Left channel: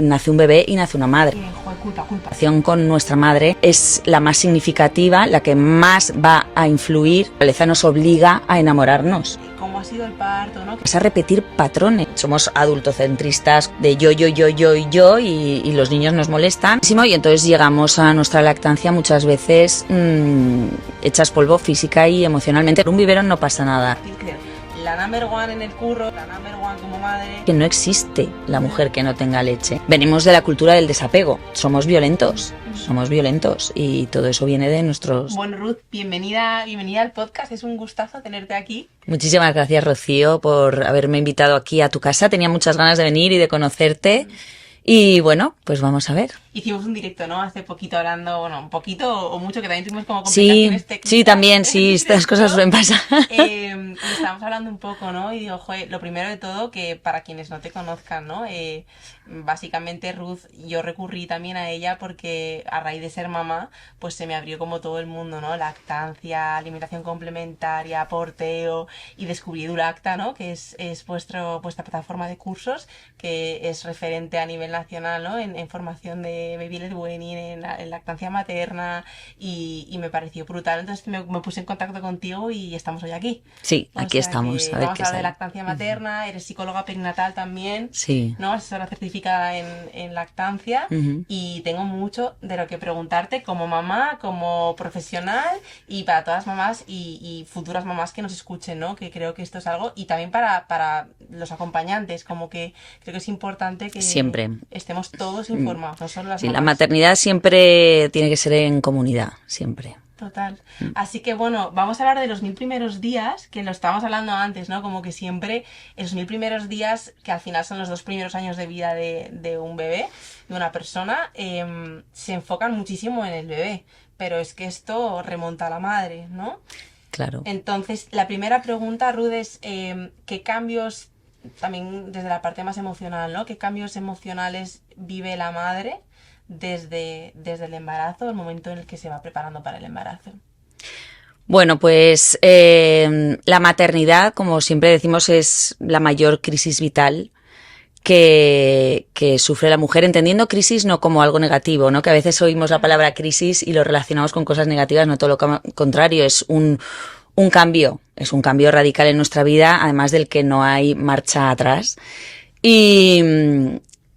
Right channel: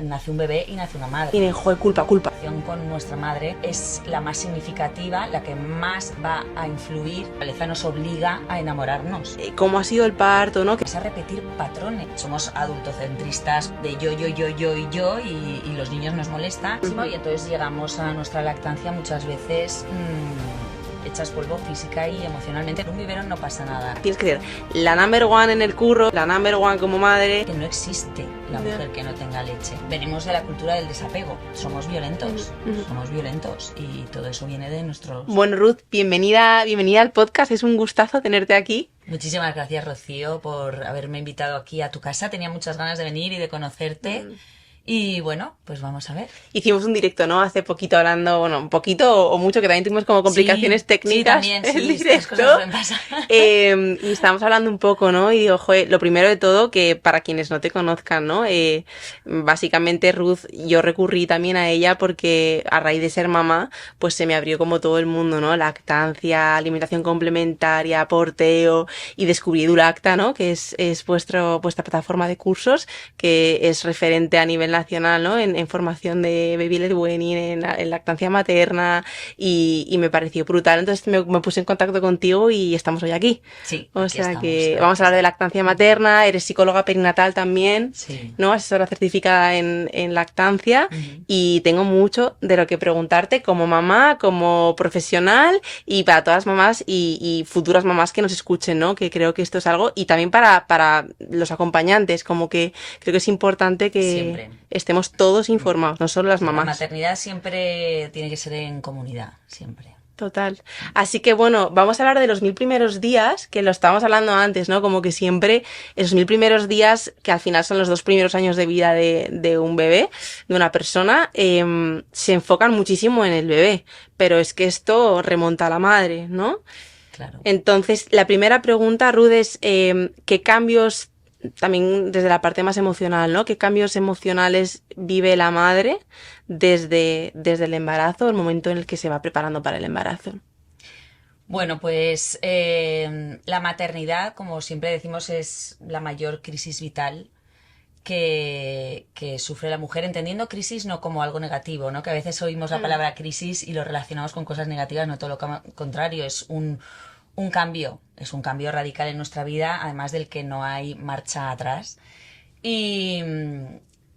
Nace un bebé y nace una madre. Tiene, joder, culpa. La relación con nuestra madre es la más significativa, la que más va a influir. La naturaleza nos obliga a enamorarnos. ¿Cómo ha sido el parto, no? Es a repetir patrones. Somos adultocentristas de yo y los niños nos molestan. Y entonces llegamos a nuestra lactancia muchas veces hechas polvo física y emocionalmente. En un biberón no pasa nada. Tienes que ser la number one en el curro, la number one como madre. Que no existe la mujer que no tenga leche. Venimos de la cultura del desapego. Somos violentos y todo eso viene de nuestros... Bueno, Ruth, bienvenida al podcast. Es un gustazo tenerte aquí. Muchísimas gracias, Rocío, por haberme invitado aquí a tu casa. Tenía muchas ganas de venir y de conocerte. Y bueno, pues vamos a ver. Hicimos un directo, ¿no? Hace poquito hablando, bueno, un poquito o mucho, que también tuvimos como complicaciones técnicas. Sí, también, sí, estas cosas suelen pasar. Y estábamos hablando un poco, ¿no? Y digo, joder, lo primero de todo, que para quienes no te conozcan, ¿no? Básicamente Ruth, yo recurrí también a ella porque a raíz de ser mamá, pues se me abrió como todo el mundo, ¿no? Lactancia, alimentación complementaria, porteo, y descubrí EduLacta, ¿no? Que es vuestra plataforma de cursos, que es referente a nivel nacional, ¿no? En formación de baby led weaning, en lactancia materna, y me pareció brutal. Entonces me puse en contacto contigo y estamos hoy aquí. Sí, aquí estamos. Vamos a hablar de lactancia materna, eres psicóloga perinatal también, sí, ¿no? Asesora certificada en lactancia, y tengo mucho de lo que preguntarte como mamá, como profesional, y para todas las mamás y futuras mamás que nos escuchen, ¿no? Que creo que esto es algo, y también para los acompañantes, como que creo que es importante que siempre estemos todos informados, no solo las mamás. La maternidad siempre tiene que ser en comunidad, siempre. Total. Así que bueno, vamos a hablar de los 1000 primeros días, que lo estábamos hablando antes, ¿no? Como que siempre esos 1000 primeros días, que al final son los 2 primeros años de vida de un bebé, de una persona, se enfocan muchísimo en el bebé, pero es que esto remonta a la madre, ¿no? Claro. Entonces, la primera pregunta, Ruth, es ¿qué cambios, también desde la parte más emocional, ¿no? ¿Qué cambios emocionales vive la madre desde el embarazo, el momento en el que se va preparando para el embarazo? Bueno, pues la maternidad, como siempre decimos, es la mayor crisis vital que sufre la mujer, entendiendo crisis no como algo negativo, ¿no? Que a veces oímos la palabra crisis y lo relacionamos con cosas negativas, no todo lo contrario, es un cambio, es un cambio radical en nuestra vida, además del que no hay marcha atrás.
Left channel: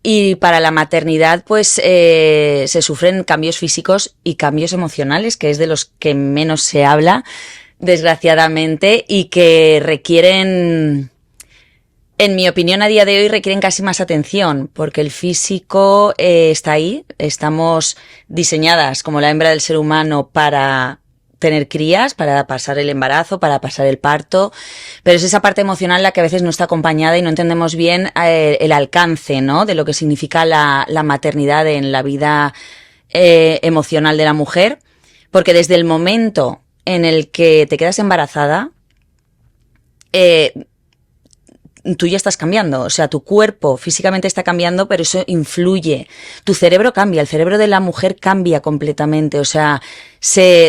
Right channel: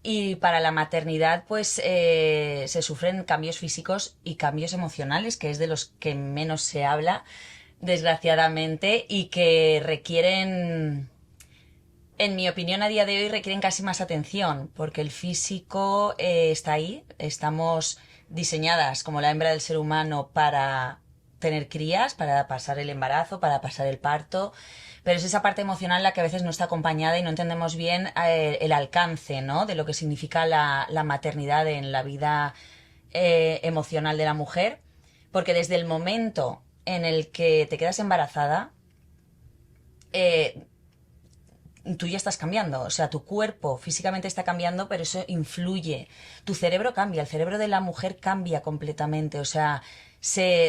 Y para la maternidad, pues se sufren cambios físicos y cambios emocionales, que es de los que menos se habla, desgraciadamente, y que requieren, en mi opinión, a día de hoy requieren casi más atención, porque el físico está ahí, estamos diseñadas como la hembra del ser humano para tener crías, para pasar el embarazo, para pasar el parto, pero es esa parte emocional la que a veces no está acompañada y no entendemos bien el alcance, ¿no? De lo que significa la maternidad en la vida emocional de la mujer, porque desde el momento en el que te quedas embarazada, tú ya estás cambiando, o sea, tu cuerpo físicamente está cambiando, pero eso influye. Tu cerebro cambia, el cerebro de la mujer cambia completamente, o sea,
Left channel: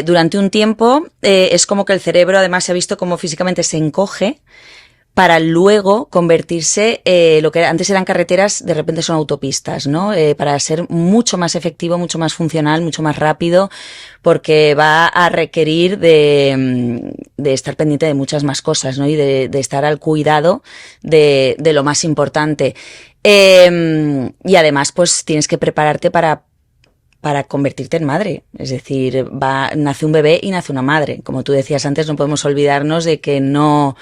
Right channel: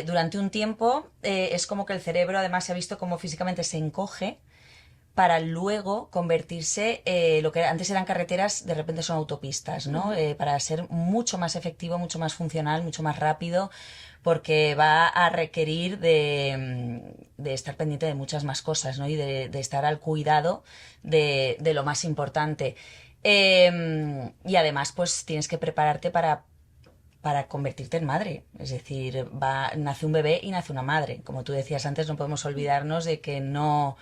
durante un tiempo es como que el cerebro además se ha visto como físicamente se encoge para luego convertirse, lo que antes eran carreteras, de repente son autopistas, ¿no? Para ser mucho más efectivo, mucho más funcional, mucho más rápido, porque va a requerir de estar pendiente de muchas más cosas, ¿no? Y de estar al cuidado de lo más importante. Y además, pues tienes que prepararte para convertirte en madre. Es decir, nace un bebé y nace una madre. Como tú decías antes, no podemos olvidarnos de que no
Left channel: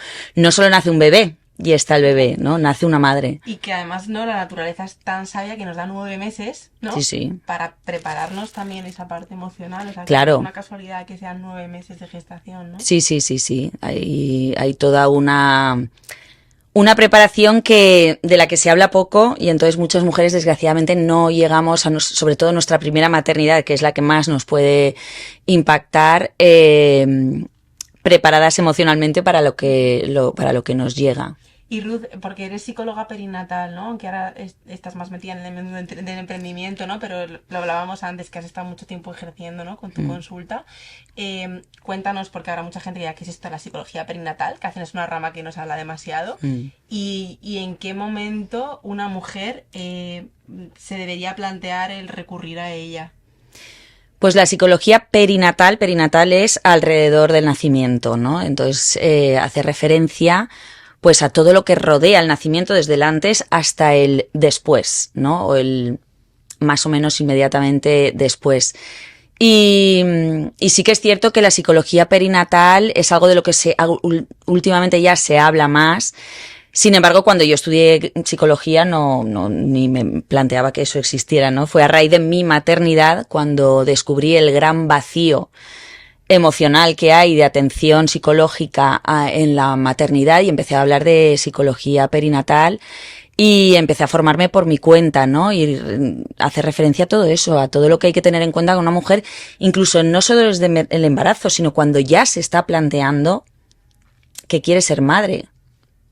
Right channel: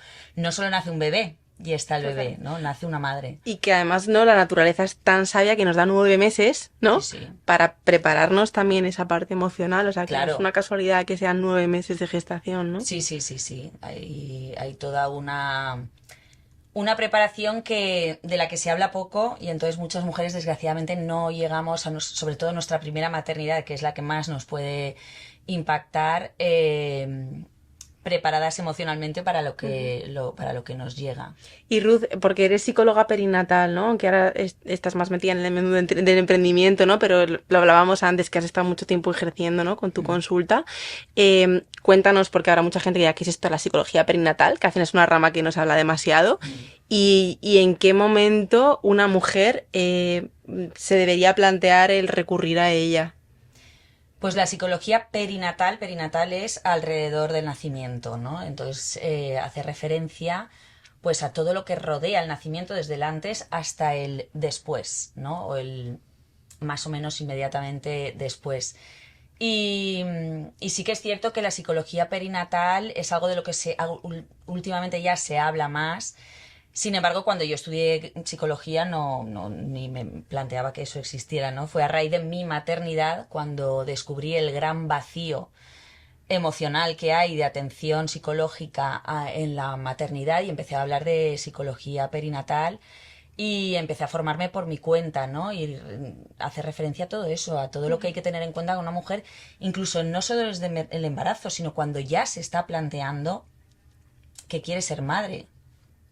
solo nace un bebé y está el bebé, ¿no? Nace una madre. Y que además, ¿no? La naturaleza es tan sabia que nos da 9 meses, ¿no? Sí. Para prepararnos también esa parte emocional. O sea, que claro. No es una casualidad que sean 9 meses de gestación, ¿no? Sí. Hay toda una preparación de la que se habla poco, y entonces muchas mujeres desgraciadamente no llegamos sobre todo nuestra primera maternidad, que es la que más nos puede impactar, preparadas emocionalmente para lo que nos llega. Y Ruth, porque eres psicóloga perinatal, ¿no? Aunque ahora estás más metida en el mundo del emprendimiento, ¿no? Pero lo hablábamos antes, que has estado mucho tiempo ejerciendo, ¿no? Con tu consulta. Cuéntanos, porque ahora mucha gente ya que es esto la psicología perinatal, que al final es una rama que nos habla demasiado. Y en qué momento una mujer se debería plantear el recurrir a ella. Pues la psicología perinatal es alrededor del nacimiento, ¿no? Entonces hace referencia pues a todo lo que rodea el nacimiento desde el antes hasta el después, ¿no? O el más o menos inmediatamente después. Y sí que es cierto que la psicología perinatal es algo de lo que últimamente ya se habla más. Sin embargo, cuando yo estudié psicología ni me planteaba que eso existiera, ¿no? Fue a raíz de mi maternidad cuando descubrí el gran vacío emocional que hay de atención psicológica en la maternidad y empecé a hablar de psicología perinatal y empecé a formarme por mi cuenta, ¿no? Y hace referencia a todo eso, a todo lo que hay que tener en cuenta con una mujer, incluso no solo desde el embarazo, sino cuando ya se está planteando que quiere ser madre.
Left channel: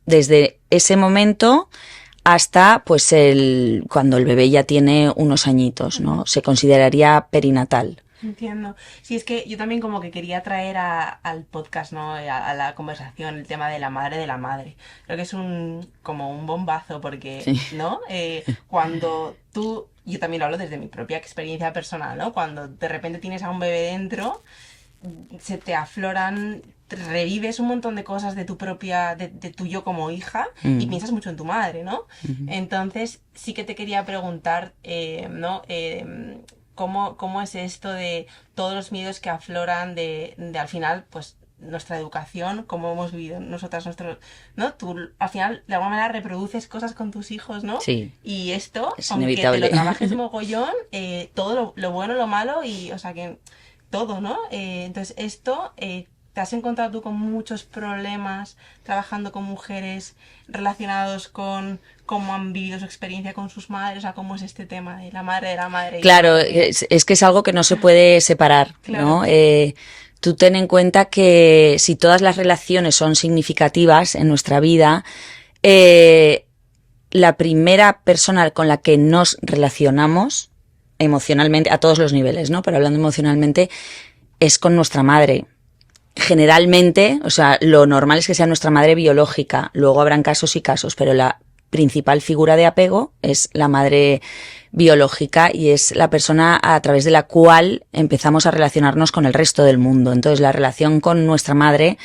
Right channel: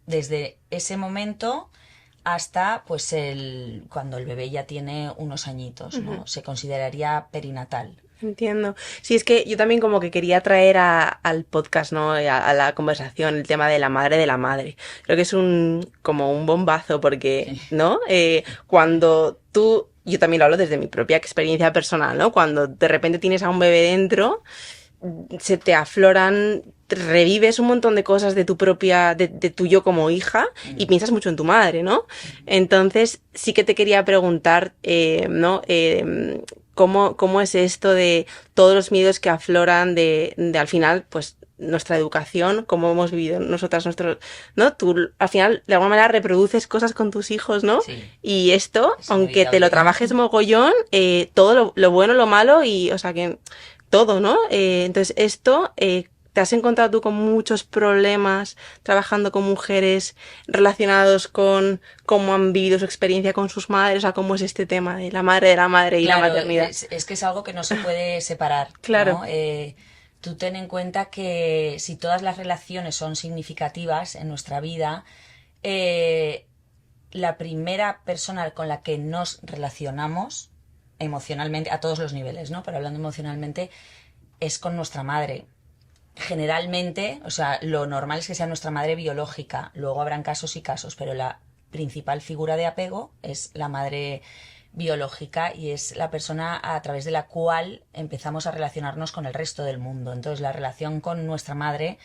Desde ese momento hasta pues cuando el bebé ya tiene unos añitos, ¿no? Se consideraría perinatal. Entiendo. Sí, es que yo también como que quería traer al podcast, ¿no? A la conversación el tema de la madre de la madre. Creo que es como un bombazo porque, sí. ¿No? Cuando yo también lo hablo desde mi propia experiencia personal, ¿no? Cuando de repente tienes a un bebé dentro, se te afloran, revives un montón de cosas de tu propia, de tu yo como hija y piensas mucho en tu madre, ¿no? Entonces sí que te quería preguntar, ¿no? ¿Cómo es esto de todos los miedos que afloran de al final, pues, nuestra educación, cómo hemos vivido nosotras, ¿no? Tú al final de alguna manera reproduces cosas con tus hijos, ¿no? Sí. Y esto, Es aunque inevitable. te lo trabajes mogollón, todo lo bueno, lo malo y, o sea, que todo, ¿no? Entonces esto... ¿Te has encontrado tú con muchos problemas trabajando con mujeres relacionados con cómo han vivido su experiencia con sus madres? O sea, ¿cómo es este tema de la madre de la madre? Claro, es que es algo que no se puede separar, claro. ¿no? Tú ten en cuenta que si todas las relaciones son significativas en nuestra vida, la primera persona con la que nos relacionamos emocionalmente, a todos los niveles, ¿no? Pero hablando emocionalmente, es con nuestra madre. Generalmente, o sea, lo normal es que sea nuestra madre biológica. Luego habrán casos y casos, pero la principal figura de apego es la madre biológica y es la persona a través de la cual empezamos a relacionarnos con el resto del mundo. Entonces, la relación con nuestra madre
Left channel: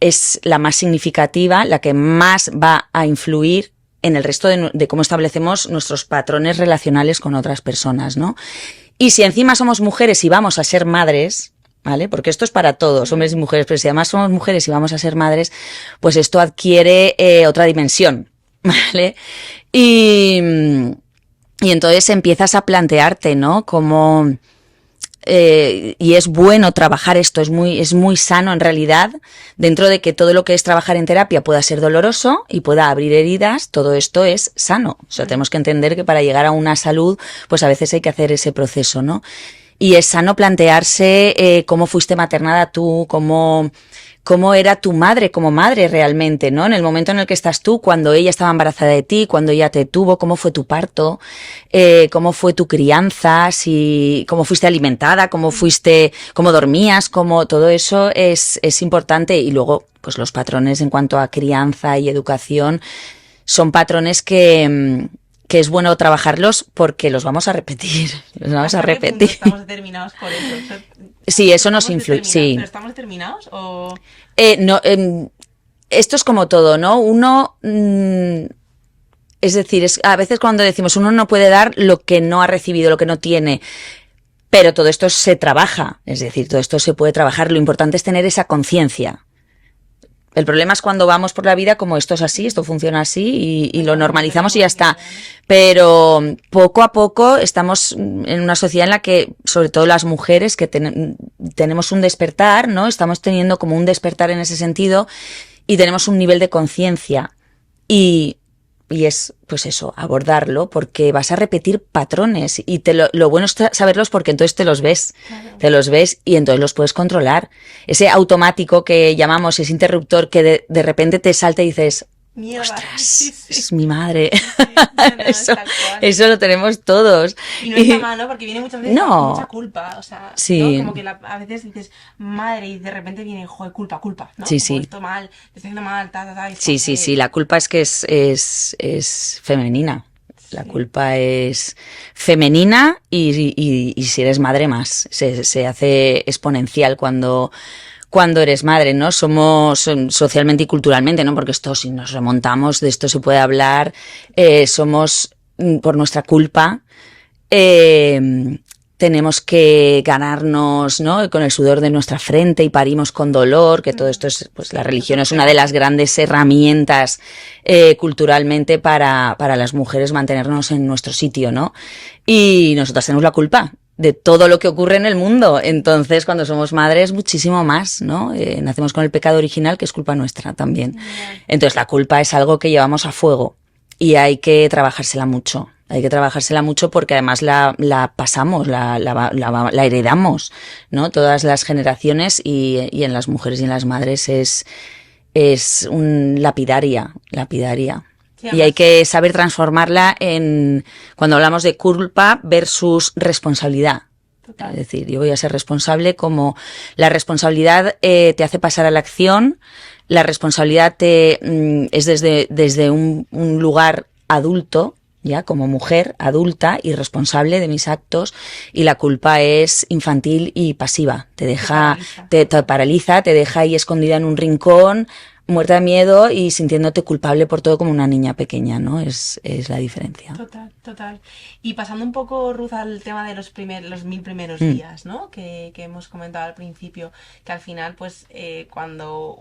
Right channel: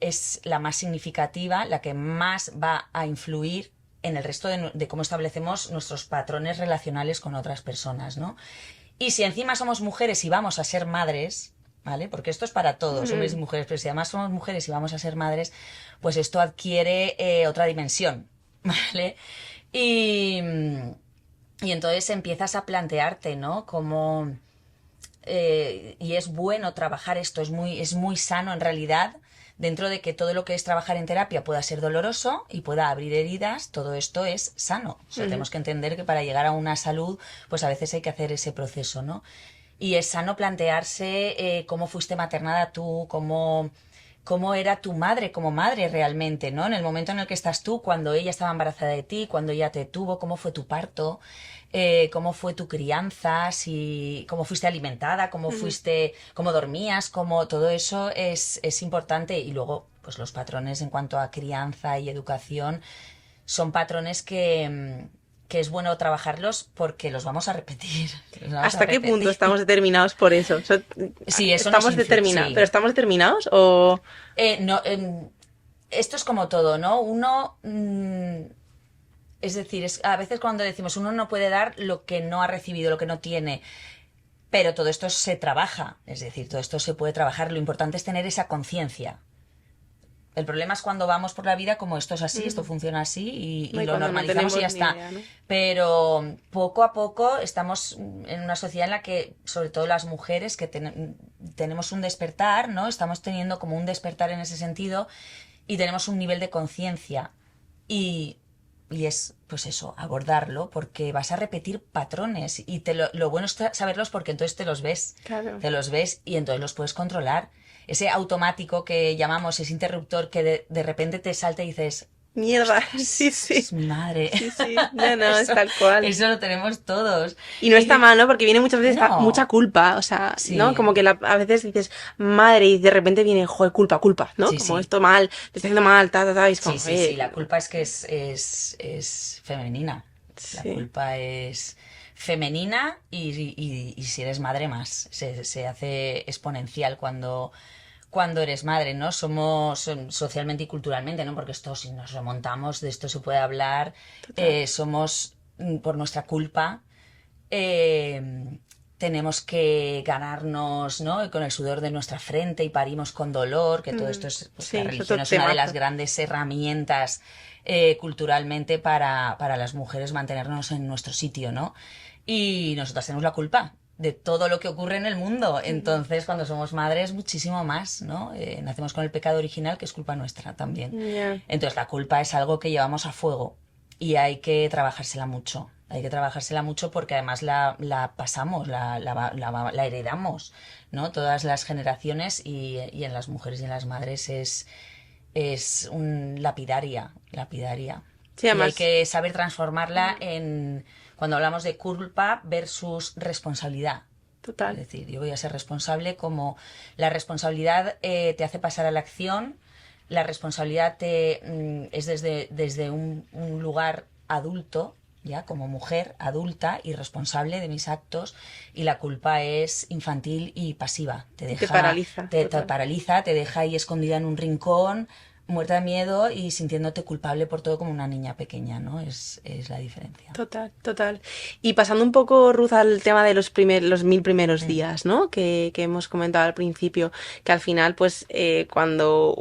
es la más significativa, la que más va a influir en el resto de cómo establecemos nuestros patrones relacionales con otras personas, ¿no? Y si encima somos mujeres y vamos a ser madres, ¿vale? Porque esto es para todos, hombres y mujeres, pero si además somos mujeres y vamos a ser madres, pues esto adquiere otra dimensión, ¿vale? Y entonces empiezas a plantearte, ¿no? Como... y es bueno trabajar esto, es muy sano en realidad, dentro de que todo lo que es trabajar en terapia pueda ser doloroso y pueda abrir heridas, todo esto es sano. O sea, tenemos que entender que para llegar a una salud, pues a veces hay que hacer ese proceso, ¿no? Y es sano plantearse cómo fuiste maternada tú, cómo era tu madre como madre realmente, ¿no? En el momento en el que estás tú, cuando ella estaba embarazada de ti, cuando ella te tuvo, cómo fue tu parto, cómo fue tu crianza, cómo fuiste alimentada, cómo dormías, todo eso es importante. Y luego, pues los patrones en cuanto a crianza y educación son patrones que es bueno trabajarlos porque los vamos a repetir. ¿Hasta qué punto estamos determinados por eso? Sí, eso nos influye. Sí. ¿Pero estamos determinados o...? No, esto es como todo, ¿no? Uno... es decir, a veces cuando decimos uno no puede dar lo que no ha recibido, lo que no tiene... Pero todo esto se trabaja. Es decir, todo esto se puede trabajar. Lo importante es tener esa conciencia. El problema es cuando vamos por la vida como esto es así, esto funciona así y lo normalizamos y ya está. Pero poco a poco estamos en una sociedad en la que, sobre todo las mujeres, que tenemos un despertar, ¿no? Estamos teniendo como un despertar en ese sentido y tenemos un nivel de conciencia. Y y es, pues eso, abordarlo, porque vas a repetir patrones y lo bueno es saberlos porque entonces te los ves, Claro. te los ves y entonces los puedes controlar. Ese automático que llamamos, ese interruptor que de repente te salta y dices, Mierda. ostras, Sí, sí. es mi madre. Sí, sí. No, no, es Eso, tal cual. eso lo tenemos todos. Y no está mal, ¿no? Porque viene muchas veces No. mucha culpa, o sea, Sí. ¿no? Como que a veces dices, madre, y de repente viene, joder, culpa, ¿no? Sí, Como sí. esto mal, te está haciendo mal, y es como, Sí, la culpa es que es femenina. La Sí. culpa es femenina y si eres madre más. Se hace exponencial cuando eres madre, ¿no? Somos socialmente y culturalmente, ¿no? Porque esto, si nos remontamos, de esto se puede hablar, somos, por nuestra culpa, tenemos que ganarnos, ¿no? Con el sudor de nuestra frente y parimos con dolor, que todo esto es, pues Sí, la religión esos es una de las temas. grandes herramientas culturalmente para las mujeres mantenernos en nuestro sitio, ¿no? Y nosotras tenemos la culpa de todo lo que ocurre en el mundo. Entonces, cuando somos madres, muchísimo más, ¿no? Nacemos con el pecado original, que es culpa nuestra también. Yeah. Entonces, la culpa es algo que llevamos a fuego y hay que trabajársela mucho. Hay que trabajársela mucho porque además la pasamos, la heredamos, ¿no? Todas las generaciones y en las mujeres y en las madres es un lapidaria. Sí, Y hay además, que saber transformarla cuando hablamos de culpa versus responsabilidad. total. Es decir, yo voy a ser responsable como la responsabilidad te hace pasar a la acción, la responsabilidad es desde un lugar adulto, ya como mujer adulta y responsable de mis actos, y la culpa es infantil y pasiva. Te paraliza, te total. paraliza, te deja ahí escondida en un rincón, muerta de miedo y sintiéndote culpable por todo como una niña pequeña, ¿no? Es la diferencia. Total. Y pasando un poco, Ruth, al tema de los 1000 primeros días, ¿no? Que hemos comentado al principio, que al final, pues, cuando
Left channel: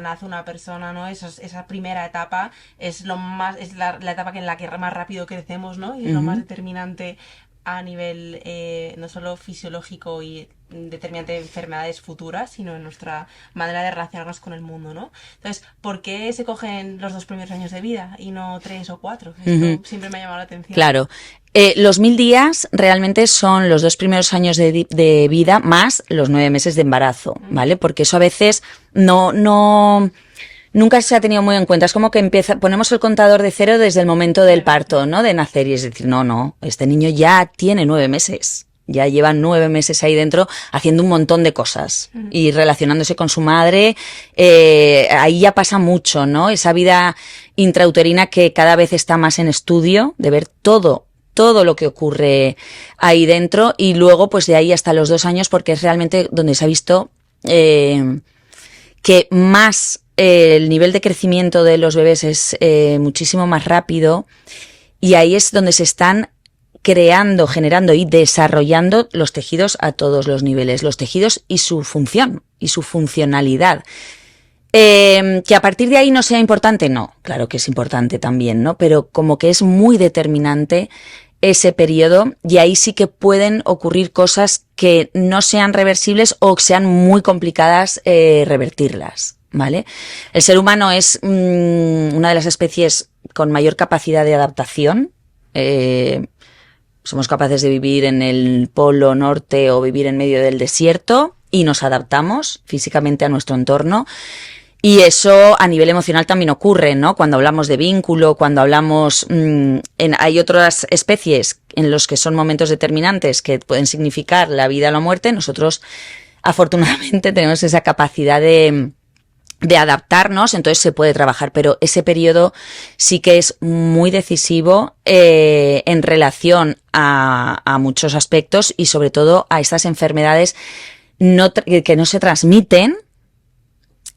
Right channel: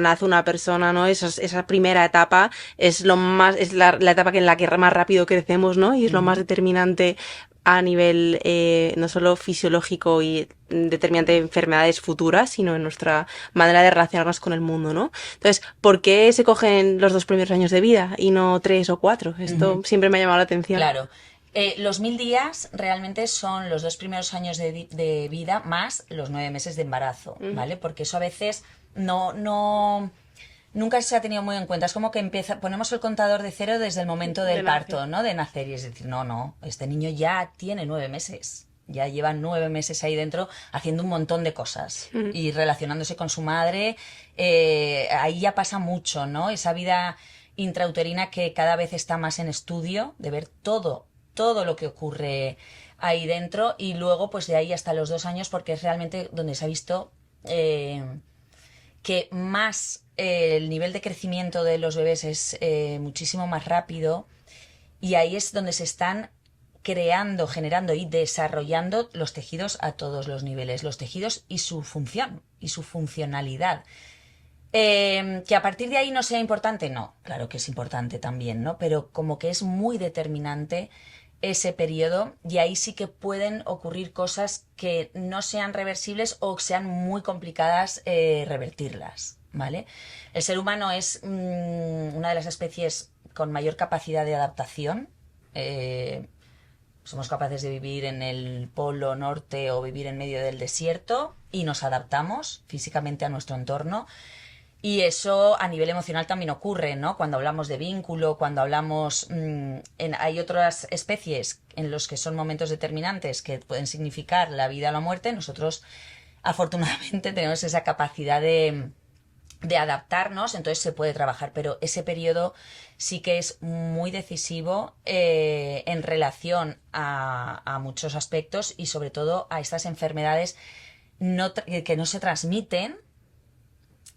nace una persona, ¿no? Esa primera etapa es la etapa en la que más rápido crecemos, ¿no? Y es lo más determinante a nivel no solo fisiológico y determinante de enfermedades futuras, sino en nuestra manera de relacionarnos con el mundo, ¿no? Entonces, ¿por qué se cogen los 2 primeros años de vida y no 3 o 4? Esto siempre me ha llamado la atención. Claro. Los 1000 días realmente son los 2 primeros años de vida más los 9 meses de embarazo, ¿vale? Porque eso a veces nunca se ha tenido muy en cuenta. Es como que ponemos el contador de cero desde el momento del parto, ¿no? De nacer. Y es decir, no, este niño ya tiene 9 meses. Ya lleva 9 meses ahí dentro haciendo un montón de cosas y relacionándose con su madre. Ahí ya pasa mucho, ¿no? Esa vida intrauterina que cada vez está más en estudio, de ver todo lo que ocurre ahí dentro, y luego pues de ahí hasta los 2 años, porque es realmente donde se ha visto que más el nivel de crecimiento de los bebés es muchísimo más rápido, y ahí es donde se están creando, generando y desarrollando los tejidos a todos los niveles, los tejidos y su función y su funcionalidad. Que a partir de ahí no sea importante, no, claro que es importante también, ¿no? Pero como que es muy determinante ese periodo, y ahí sí que pueden ocurrir cosas que no sean reversibles o que sean muy complicadas revertirlas, ¿vale? El ser humano es una de las especies con mayor capacidad de adaptación. Somos capaces de vivir en el polo norte o vivir en medio del desierto y nos adaptamos físicamente a nuestro entorno. Y eso a nivel emocional también ocurre, ¿no? Cuando hablamos de vínculo, cuando hablamos... hay otras especies en los que son momentos determinantes que pueden significar la vida o la muerte. Nosotros, afortunadamente, tenemos esa capacidad de adaptarnos, entonces se puede trabajar, pero ese periodo sí que es muy decisivo en relación a muchos aspectos y sobre todo a estas enfermedades que no se transmiten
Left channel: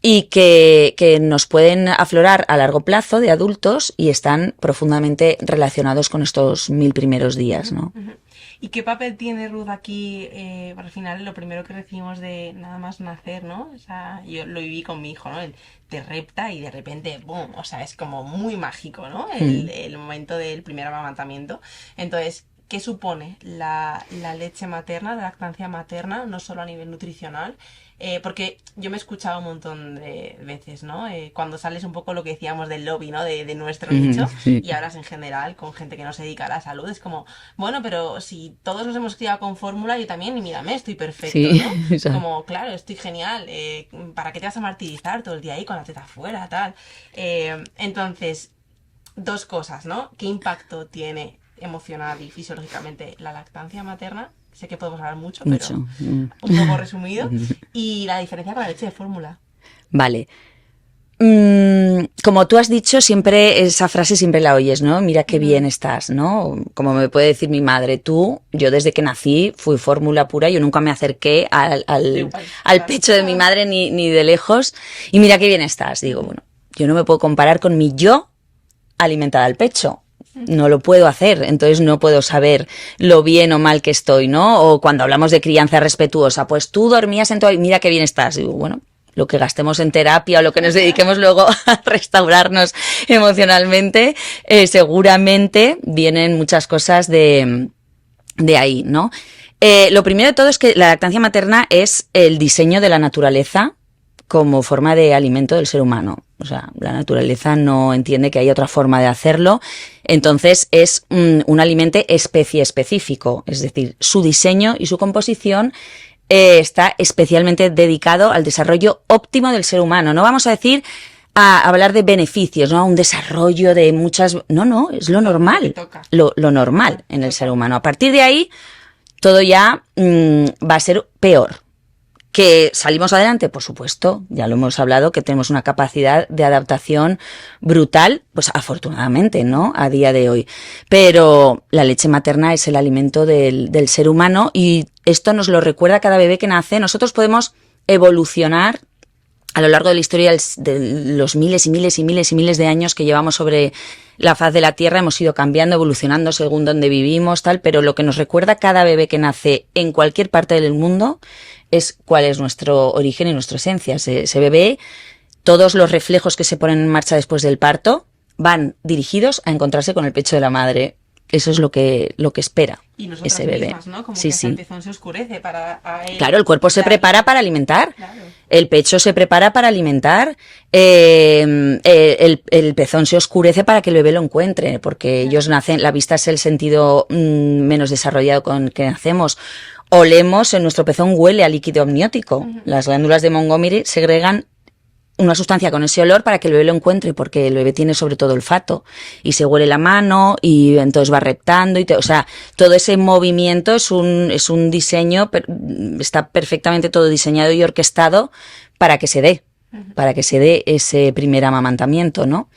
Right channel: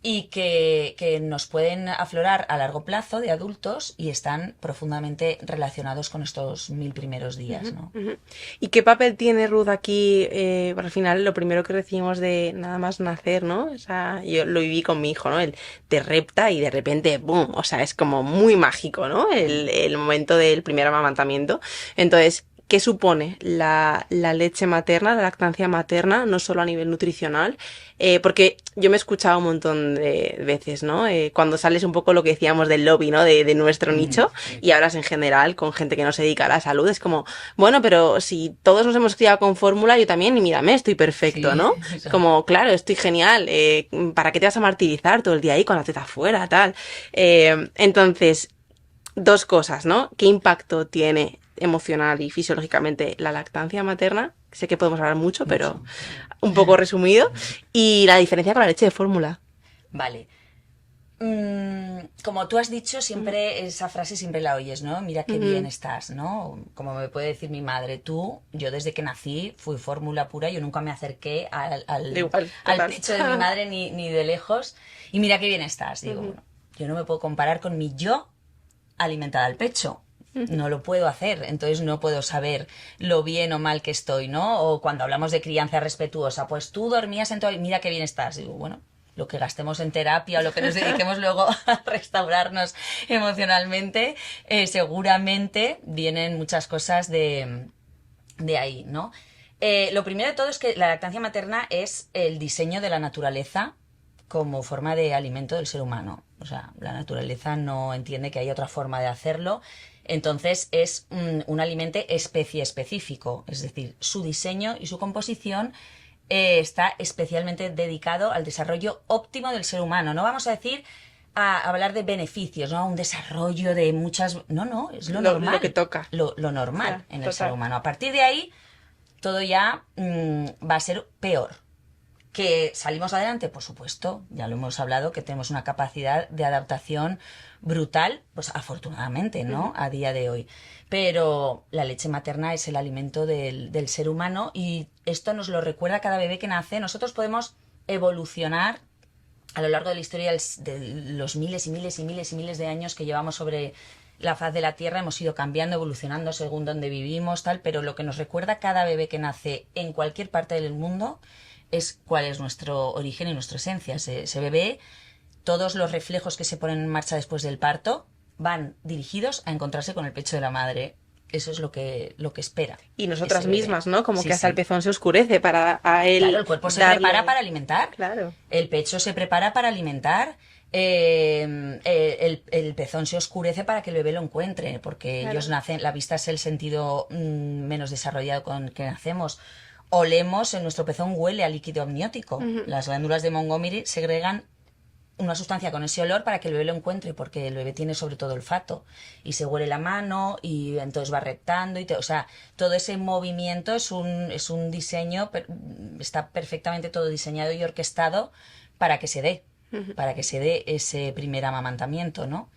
y que nos pueden aflorar a largo plazo de adultos y están profundamente relacionados con estos 1000 primeros días, ¿no? ¿Y qué papel tiene Ruth aquí? Al final, lo primero que recibimos de nada más nacer, ¿no? O sea, yo lo viví con mi hijo, ¿no? Él te repta y de repente, ¡boom! O sea, es como muy mágico, ¿no? El momento del primer amamantamiento. Entonces, qué supone la leche materna, la lactancia materna, no solo a nivel nutricional, porque yo me he escuchado un montón de veces, ¿no? Cuando sales un poco lo que decíamos del lobby, ¿no? De nuestro nicho, y hablas en general con gente que no se dedica a la salud, es como, bueno, pero si todos nos hemos criado con fórmula, yo también, y mírame, estoy perfecto, ¿no? Como, claro, estoy genial, ¿para qué te vas a martirizar todo el día ahí con la teta afuera, tal? Entonces, dos cosas, ¿no? ¿Qué impacto tiene emocional y fisiológicamente la lactancia materna? Sé que podemos hablar mucho, pero un poco resumido. Y la diferencia con la leche de fórmula. Vale. Como tú has dicho, siempre esa frase siempre la oyes, ¿no? Mira qué bien estás, ¿no? Como me puede decir mi madre, yo desde que nací fui fórmula pura, yo nunca me acerqué al pecho de mi madre ni de lejos. Y mira qué bien estás. Digo, bueno, yo no me puedo comparar con mi yo alimentada al pecho. No lo puedo hacer, entonces no puedo saber lo bien o mal que estoy, ¿no? O cuando hablamos de crianza respetuosa, pues tú dormías en todo y mira qué bien estás. Digo, bueno, lo que gastemos en terapia o lo que nos dediquemos luego a restaurarnos emocionalmente, seguramente vienen muchas cosas de ahí, ¿no? Lo primero de todo es que la lactancia materna es el diseño de la naturaleza como forma de alimento del ser humano. O sea, la naturaleza no entiende que hay otra forma de hacerlo, entonces es un alimento especie específico, es decir, su diseño y su composición está especialmente dedicado al desarrollo óptimo del ser humano. No vamos a decir a hablar de beneficios, ¿no? Un desarrollo de muchas... No, es lo normal, Lo que toca. Lo normal en el ser humano. A partir de ahí, todo ya va a ser peor. ¿Que salimos adelante? Por supuesto, ya lo hemos hablado, que tenemos una capacidad de adaptación brutal, pues afortunadamente, ¿no? A día de hoy. Pero la leche materna es el alimento del ser humano y esto nos lo recuerda cada bebé que nace. Nosotros podemos evolucionar a lo largo de la historia de los miles y miles y miles y miles de años que llevamos sobre la faz de la Tierra, hemos ido cambiando, evolucionando según donde vivimos, tal, pero lo que nos recuerda cada bebé que nace en cualquier parte del mundo es cuál es nuestro origen y nuestra esencia. Ese bebé, todos los reflejos que se ponen en marcha después del parto van dirigidos a encontrarse con el pecho de la madre. Eso es lo que espera. Y nosotras mismas, ¿no? Como que hasta el pezón se oscurece para a él. Claro, el cuerpo se prepara para alimentar. Claro. El pecho se prepara para alimentar. El pezón se oscurece para que el bebé lo encuentre, porque ellos nacen, la vista es el sentido menos desarrollado con que nacemos. Olemos, en nuestro pezón huele a líquido amniótico. Las glándulas de Montgomery segregan una sustancia con ese olor para que el bebé lo encuentre, porque el bebé tiene sobre todo olfato y se huele la mano y entonces va reptando o sea, todo ese movimiento es un diseño, está perfectamente todo diseñado y orquestado para que se dé, ese primer amamantamiento, ¿no?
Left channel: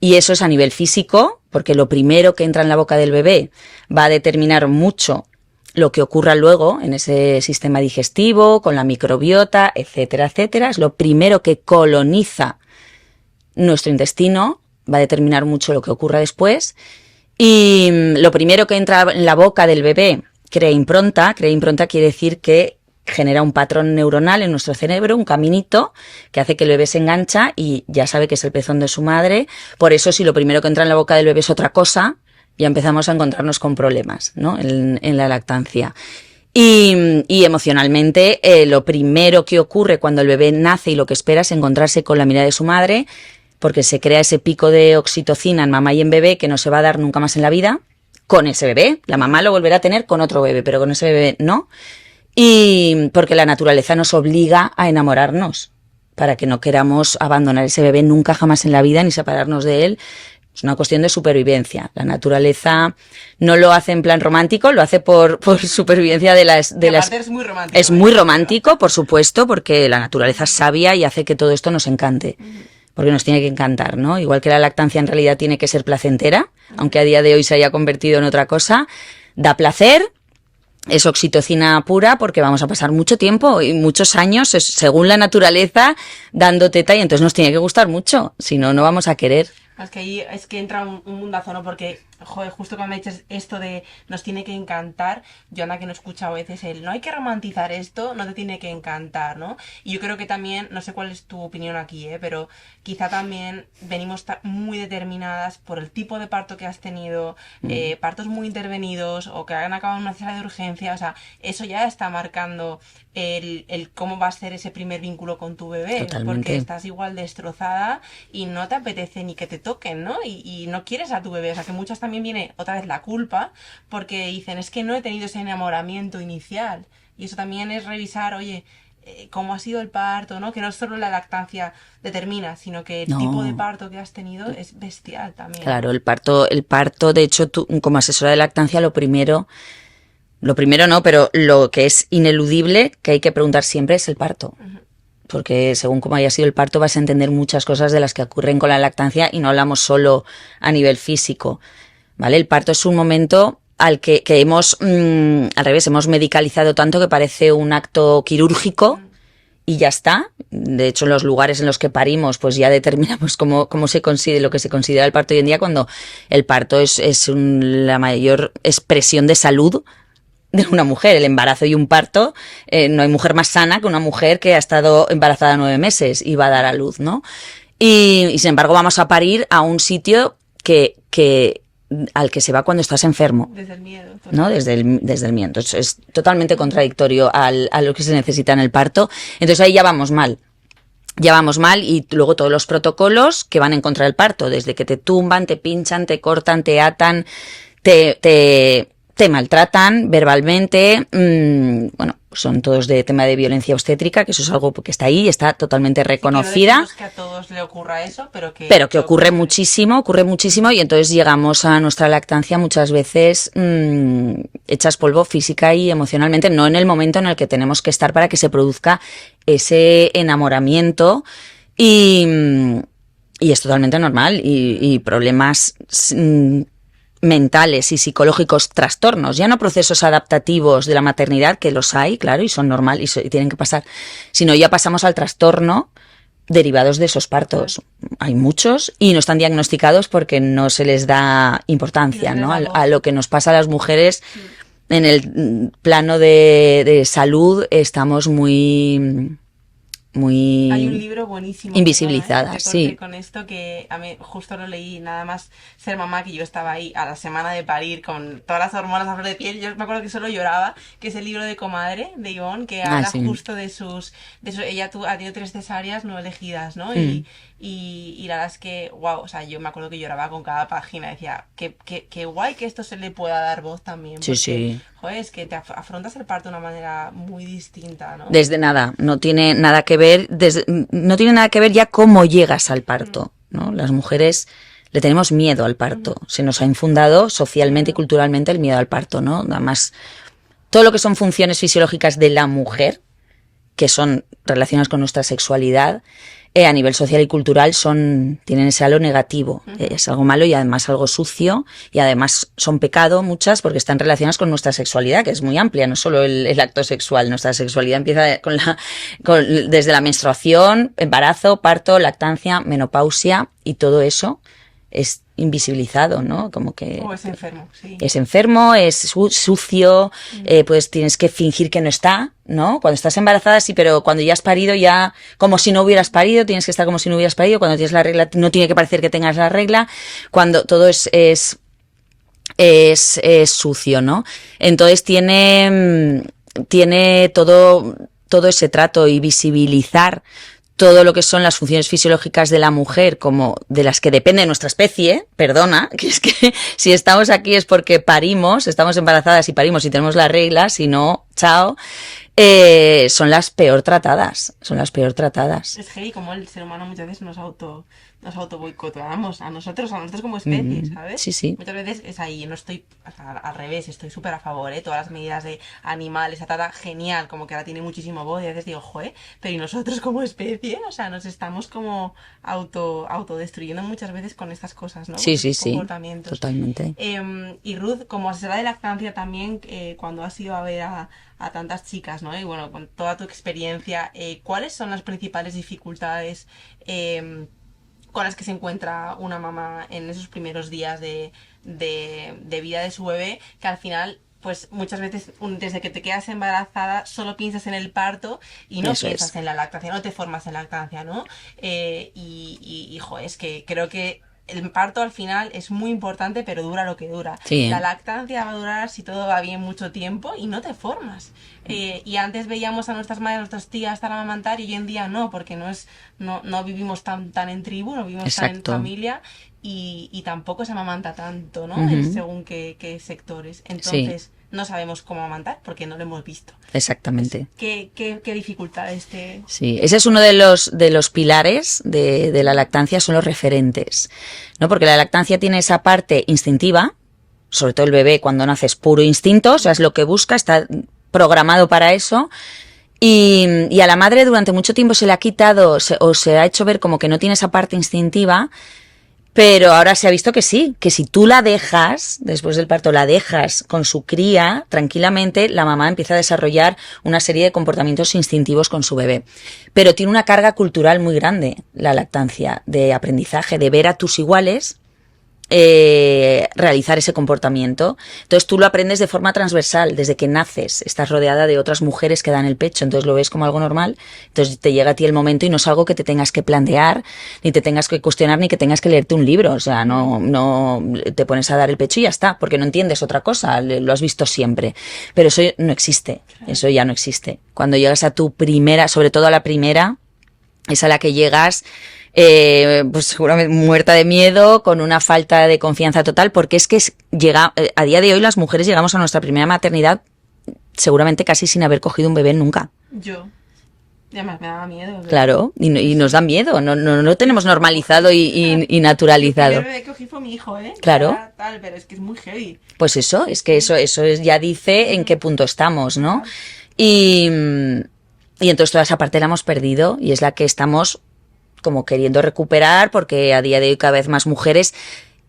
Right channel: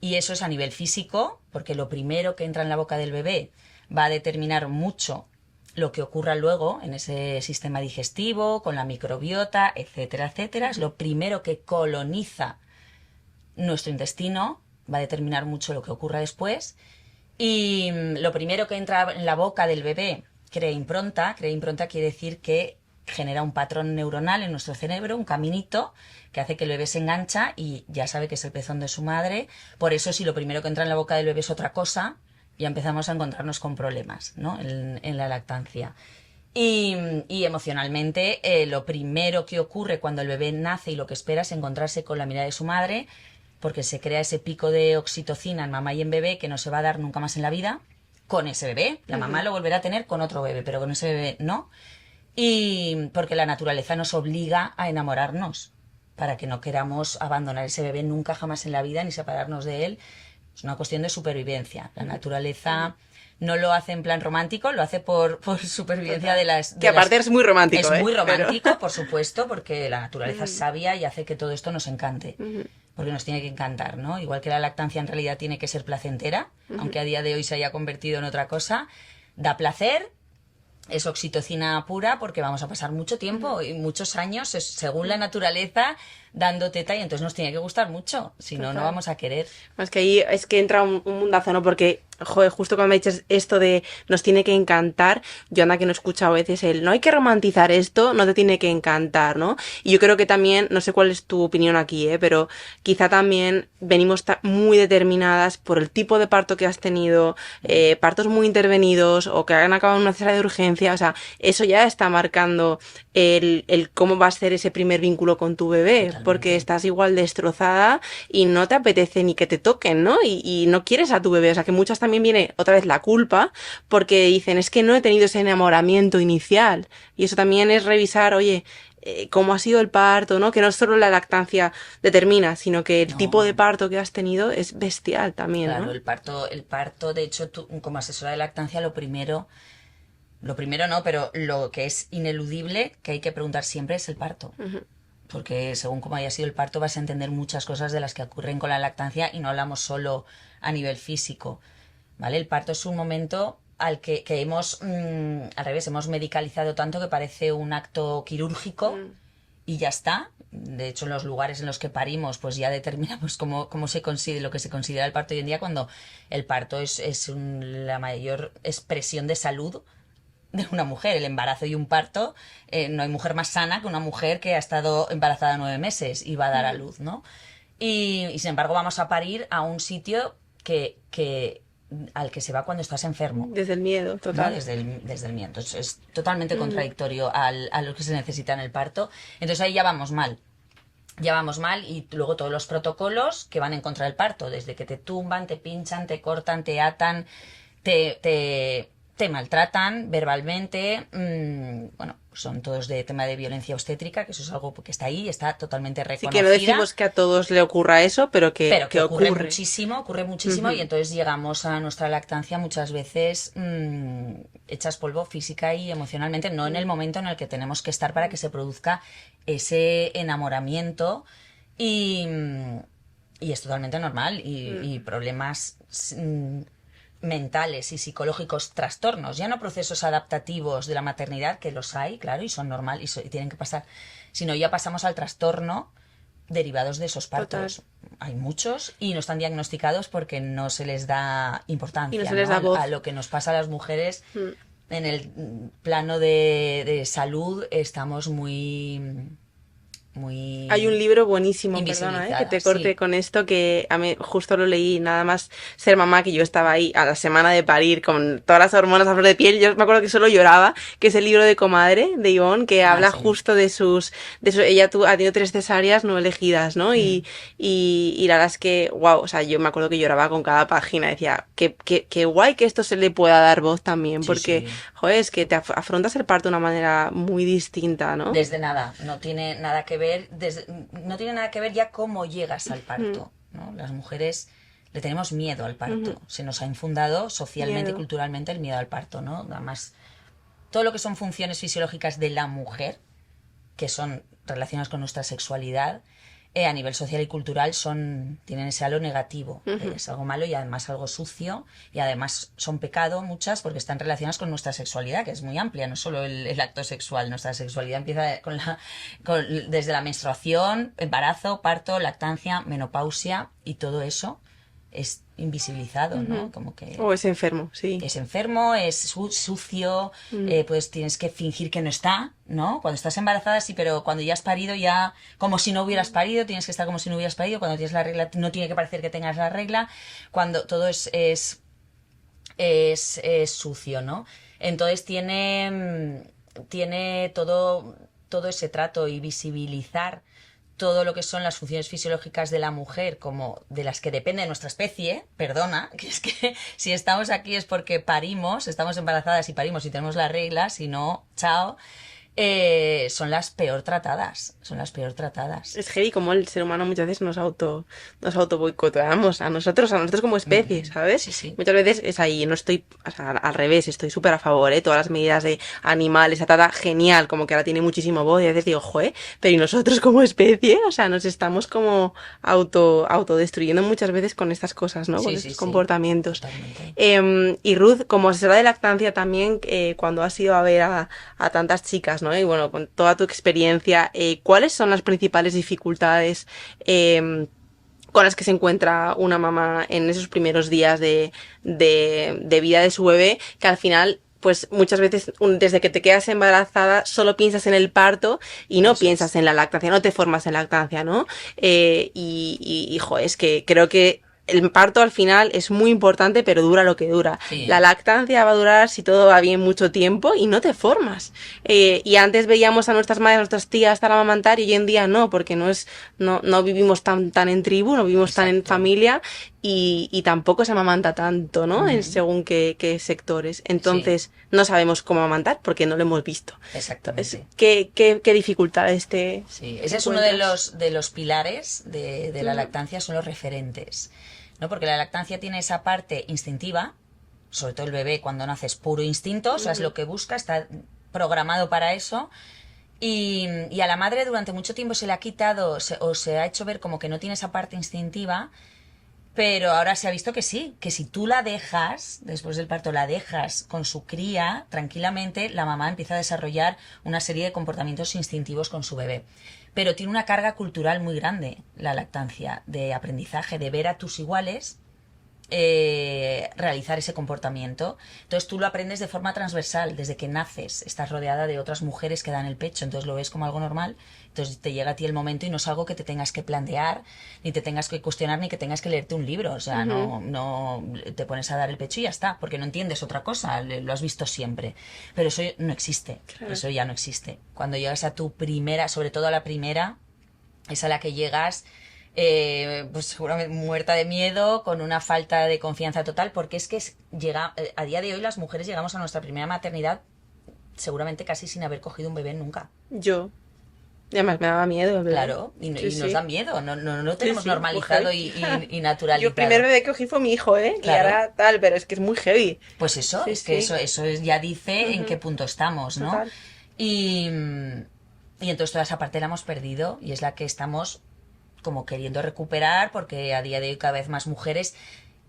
Y eso es a nivel físico, porque lo primero que entra en la boca del bebé va a determinar mucho lo que ocurra luego en ese sistema digestivo, con la microbiota, etcétera, etcétera. Es lo primero que coloniza nuestro intestino, va a determinar mucho lo que ocurra después. Y lo primero que entra en la boca del bebé crea impronta quiere decir que genera un patrón neuronal en nuestro cerebro, un caminito que hace que el bebé se engancha y ya sabe que es el pezón de su madre. Por eso, si lo primero que entra en la boca del bebé es otra cosa, ya empezamos a encontrarnos con problemas, ¿no? en la lactancia. Y emocionalmente, lo primero que ocurre cuando el bebé nace y lo que espera es encontrarse con la mirada de su madre, porque se crea ese pico de oxitocina en mamá y en bebé que no se va a dar nunca más en la vida con ese bebé. La mamá lo volverá a tener con otro bebé, pero con ese bebé no. Y porque la naturaleza nos obliga a enamorarnos para que no queramos abandonar ese bebé nunca jamás en la vida ni separarnos de él. Es una cuestión de supervivencia. La naturaleza no lo hace en plan romántico, lo hace por supervivencia de las... aparte es muy romántico. Es muy romántico, por supuesto, porque la naturaleza es sabia y hace que todo esto nos encante. Porque nos tiene que encantar, ¿no? Igual que la lactancia en realidad tiene que ser placentera, aunque a día de hoy se haya convertido en otra cosa, da placer. Es oxitocina pura porque vamos a pasar mucho tiempo y muchos años, según la naturaleza, dando teta y entonces nos tiene que gustar mucho, si no, no vamos a querer. Es que ahí es que entra un mundazo, ¿no? Porque, joder, justo cuando me dices esto de nos tiene que encantar, yo anda que no he escuchado a veces el no hay que romantizar esto, no te tiene que encantar, ¿no? Y yo creo que también, no sé cuál es tu opinión aquí, pero quizá también venimos muy determinadas por el tipo de parto que has tenido, partos muy intervenidos o que han acabado en una cesárea de urgencia, o sea, eso ya está marcando el cómo va a ser ese primer vínculo con tu bebé, Totalmente. porque estás igual destrozada y no te apetece ni que te toquen, ¿no? Y no quieres a tu bebé, o sea que muchas también viene otra vez la culpa porque dicen es que no he tenido ese enamoramiento inicial y eso también es revisar, oye, cómo ha sido el parto, ¿no? Que no solo la lactancia determina, sino que el tipo de No, parto que has tenido es bestial también, claro, ¿no? el parto, de hecho, tú como asesora de lactancia, lo primero no, pero lo que es ineludible que hay que preguntar siempre es el parto. Ujú. Porque según cómo haya sido el parto vas a entender muchas cosas de las que ocurren con la lactancia y no hablamos solo a nivel físico, ¿vale? El parto es un momento al que hemos, al revés, hemos medicalizado tanto que parece un acto quirúrgico y ya está. De hecho, en los lugares en los que parimos, pues ya determinamos cómo se considera, lo que se considera el parto hoy en día, cuando el parto es la mayor expresión de salud de una mujer. El embarazo y un parto, no hay mujer más sana que una mujer que ha estado embarazada 9 meses y va a dar a luz, ¿no? Y sin embargo vamos a parir a un sitio al que se va cuando estás enfermo, Desde el miedo, total. ¿no? Desde el miedo. Entonces es totalmente contradictorio a lo que se necesita en el parto. Entonces ahí ya vamos mal. Ya vamos mal y luego todos los protocolos que van en contra del parto, desde que te tumban, te pinchan, te cortan, te atan, te maltratan verbalmente, bueno, son todos de tema de violencia obstétrica, que eso es algo que está ahí, está totalmente reconocida. Sí, que no decimos que a todos le ocurra eso, pero que ocurre muchísimo, y entonces llegamos a nuestra lactancia muchas veces hechas polvo física y emocionalmente, no en el momento en el que tenemos que estar para que se produzca ese enamoramiento y es totalmente normal y problemas mentales y psicológicos, trastornos, ya no procesos adaptativos de la maternidad, que los hay, claro, y son normal y tienen que pasar, sino ya pasamos al trastorno derivados de esos partos. Hay muchos y no están diagnosticados porque no se les da importancia, ¿no? A lo que nos pasa a las mujeres. En el plano de salud estamos muy Hay un libro buenísimo, invisibilizadas, que te corte sí. con esto, que a mí justo lo leí nada más ser mamá, que yo estaba ahí a la semana de parir con todas las hormonas a flor de piel. Yo me acuerdo que solo lloraba, que es el libro de Comadre, de Ivonne, que habla Sí. justo de ella ha tenido 3 cesáreas no elegidas, ¿no? Y la verdad es que, wow, o sea, yo me acuerdo que lloraba con cada página, decía, qué guay que esto se le pueda dar voz también, porque, Sí. joder, es que te afrontas el parto de una manera muy distinta, ¿no? Desde nada, no tiene nada que ver, no tiene nada que ver ya cómo llegas al parto, ¿no? Las mujeres le tenemos miedo al parto, se nos ha infundado socialmente y culturalmente el miedo al parto, ¿no? Además, todo lo que son funciones fisiológicas de la mujer, que son relacionadas con nuestra sexualidad, a nivel social y cultural tienen ese halo negativo. Es algo malo y además algo sucio y además son pecado muchas porque están relacionadas con nuestra sexualidad, que es muy amplia, no solo el acto sexual. Nuestra sexualidad empieza desde la menstruación, embarazo, parto, lactancia, menopausia y todo eso es invisibilizado, ¿no? Como que O es enfermo, sí. es enfermo, es sucio, pues tienes que fingir que no está, ¿no? Cuando estás embarazada sí, pero cuando ya has parido ya como si no hubieras parido, tienes que estar como si no hubieras parido, cuando tienes la regla no tiene que parecer que tengas la regla, cuando todo es sucio, ¿no? Entonces tiene todo ese trato y visibilizar todo lo que son las funciones fisiológicas de la mujer, como de las que depende nuestra especie, perdona, que es que si estamos aquí es porque parimos, estamos embarazadas y parimos y tenemos la regla, si no, chao, son las peor tratadas, Es heavy como el ser humano muchas veces nos auto boicoteamos a nosotros como especie, ¿sabes? Sí. Muchas veces es ahí, no estoy, o sea, al revés, estoy súper a favor, todas las medidas de animales, esa trata genial, como que ahora tiene muchísimo voz y a veces digo, joder, pero ¿y nosotros como especie? O sea, nos estamos como autodestruyendo muchas veces con estas cosas, ¿no? Con estos comportamientos. Totalmente. Y Ruth, como asesora de lactancia también, cuando has ido a ver a tantas chicas, ¿no? Y bueno, con toda tu experiencia, ¿cuáles son las principales dificultades con las que se encuentra una mamá en esos primeros días de vida de su bebé, que al final pues muchas veces desde que te quedas embarazada solo piensas en el parto y no Eso piensas es. en la lactancia, no te formas en lactancia, ¿no? Hijo, es que creo que el parto al final es muy importante, pero dura lo que dura. Sí, La ¿eh? lactancia va a durar, si todo va bien, mucho tiempo y no te formas. Y antes veíamos a nuestras madres, a nuestras tías para amamantar y hoy en día no, porque no vivimos tan en tribu, no vivimos tan en Exacto. familia y tampoco se amamanta tanto, ¿no? Ujú. Según qué sectores. Sí, Entonces, no sabemos cómo amamantar porque no lo hemos visto. exactamente. ¿Qué dificultades Sí, te ese es uno supone? de los pilares de la lactancia, son los referentes, ¿no? Porque la lactancia tiene esa parte instintiva, sobre todo el bebé cuando nace es puro instinto, o sea, es lo que busca, está programado para eso. Y a la madre durante mucho tiempo se le ha quitado o se ha hecho ver como que no tiene esa parte instintiva, pero ahora se ha visto que sí, que si tú la dejas, después del parto, la dejas con su cría, tranquilamente, la mamá empieza a desarrollar una serie de comportamientos instintivos con su bebé. Pero tiene una carga cultural muy grande la lactancia, de aprendizaje, de ver a tus iguales realizar ese comportamiento. Entonces tú lo aprendes de forma transversal, desde que naces, estás rodeada de otras mujeres que dan el pecho, entonces lo ves como algo normal, entonces te llega a ti el momento y no es algo que te tengas que plantear, ni te tengas que cuestionar, ni que tengas que leerte un libro, o sea, Ujú. no te pones a dar el pecho y ya está, porque no entiendes otra cosa, lo has visto siempre, pero eso no existe, Claro. eso ya no existe. Cuando llegas a tu primera, sobre todo a la primera, es a la que llegas pues seguramente muerta de miedo, con una falta de confianza total, porque es que a día de hoy las mujeres llegamos a nuestra primera maternidad seguramente casi sin haber cogido un bebé nunca. Yo. Y además me daba miedo, ¿verdad? Claro, Sí, y nos da sí. miedo, no Sí, tenemos sí, coger. normalizado y Yo el primer naturalizado. bebé que cogí fue mi hijo, ¿eh? Y Claro, ahora tal, pero es que es muy heavy. pues eso, Sí, es que sí. ya dice en qué Ujú. punto estamos, ¿no? Total. Y, y entonces toda esa parte la hemos perdido y es la que estamos como queriendo recuperar porque a día de hoy cada vez más mujeres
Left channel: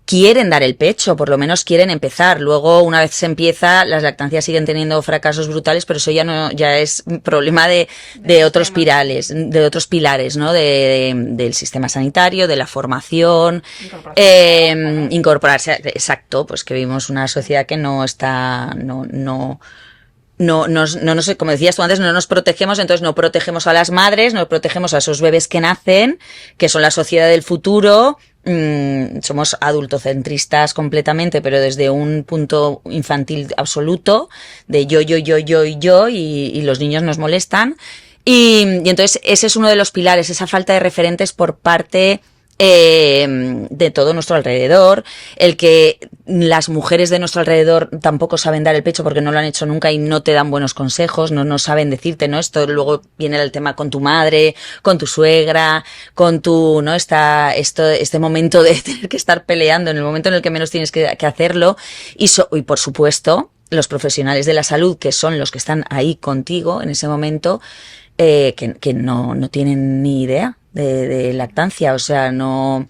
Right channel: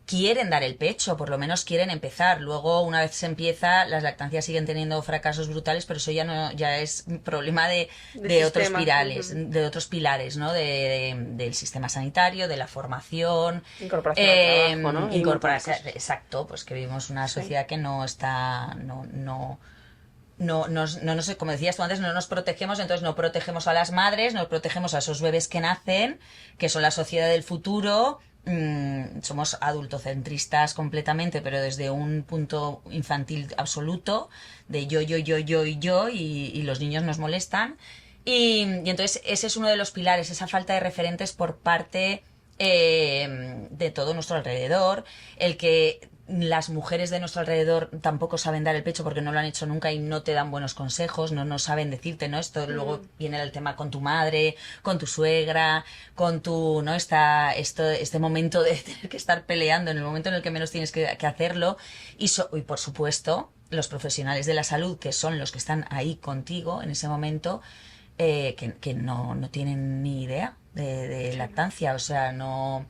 quieren dar el pecho, por lo menos quieren empezar. Luego, una vez se empieza, las lactancias siguen teniendo fracasos brutales, pero eso ya no, ya es problema De de otros sistemas. pilares, Ujú. de otros pilares, ¿no? Del sistema sanitario, de la formación, Incorporación al trabajo, ¿no? Y incorporarse, exacto, pues que vivimos una sí. sociedad que no está, no nos, como decías tú antes, no nos protegemos, entonces no protegemos a las madres, no protegemos a esos bebés que nacen, que son la sociedad del futuro. Somos adultocentristas completamente, pero desde un punto infantil absoluto, de yo, y los niños nos molestan. Y entonces ese es uno de los pilares, esa falta de referentes por parte de todo nuestro alrededor, el que las mujeres de nuestro alrededor tampoco saben dar el pecho porque no lo han hecho nunca y no te dan buenos consejos, no saben decirte, ¿no? Esto luego viene el tema con tu madre, con tu suegra, con tu, ¿no? Este momento de tener que estar peleando en el momento en el que menos tienes que hacerlo y por supuesto los profesionales de la salud que son los que están ahí contigo en ese momento que no tienen ni idea de lactancia, o sea, no...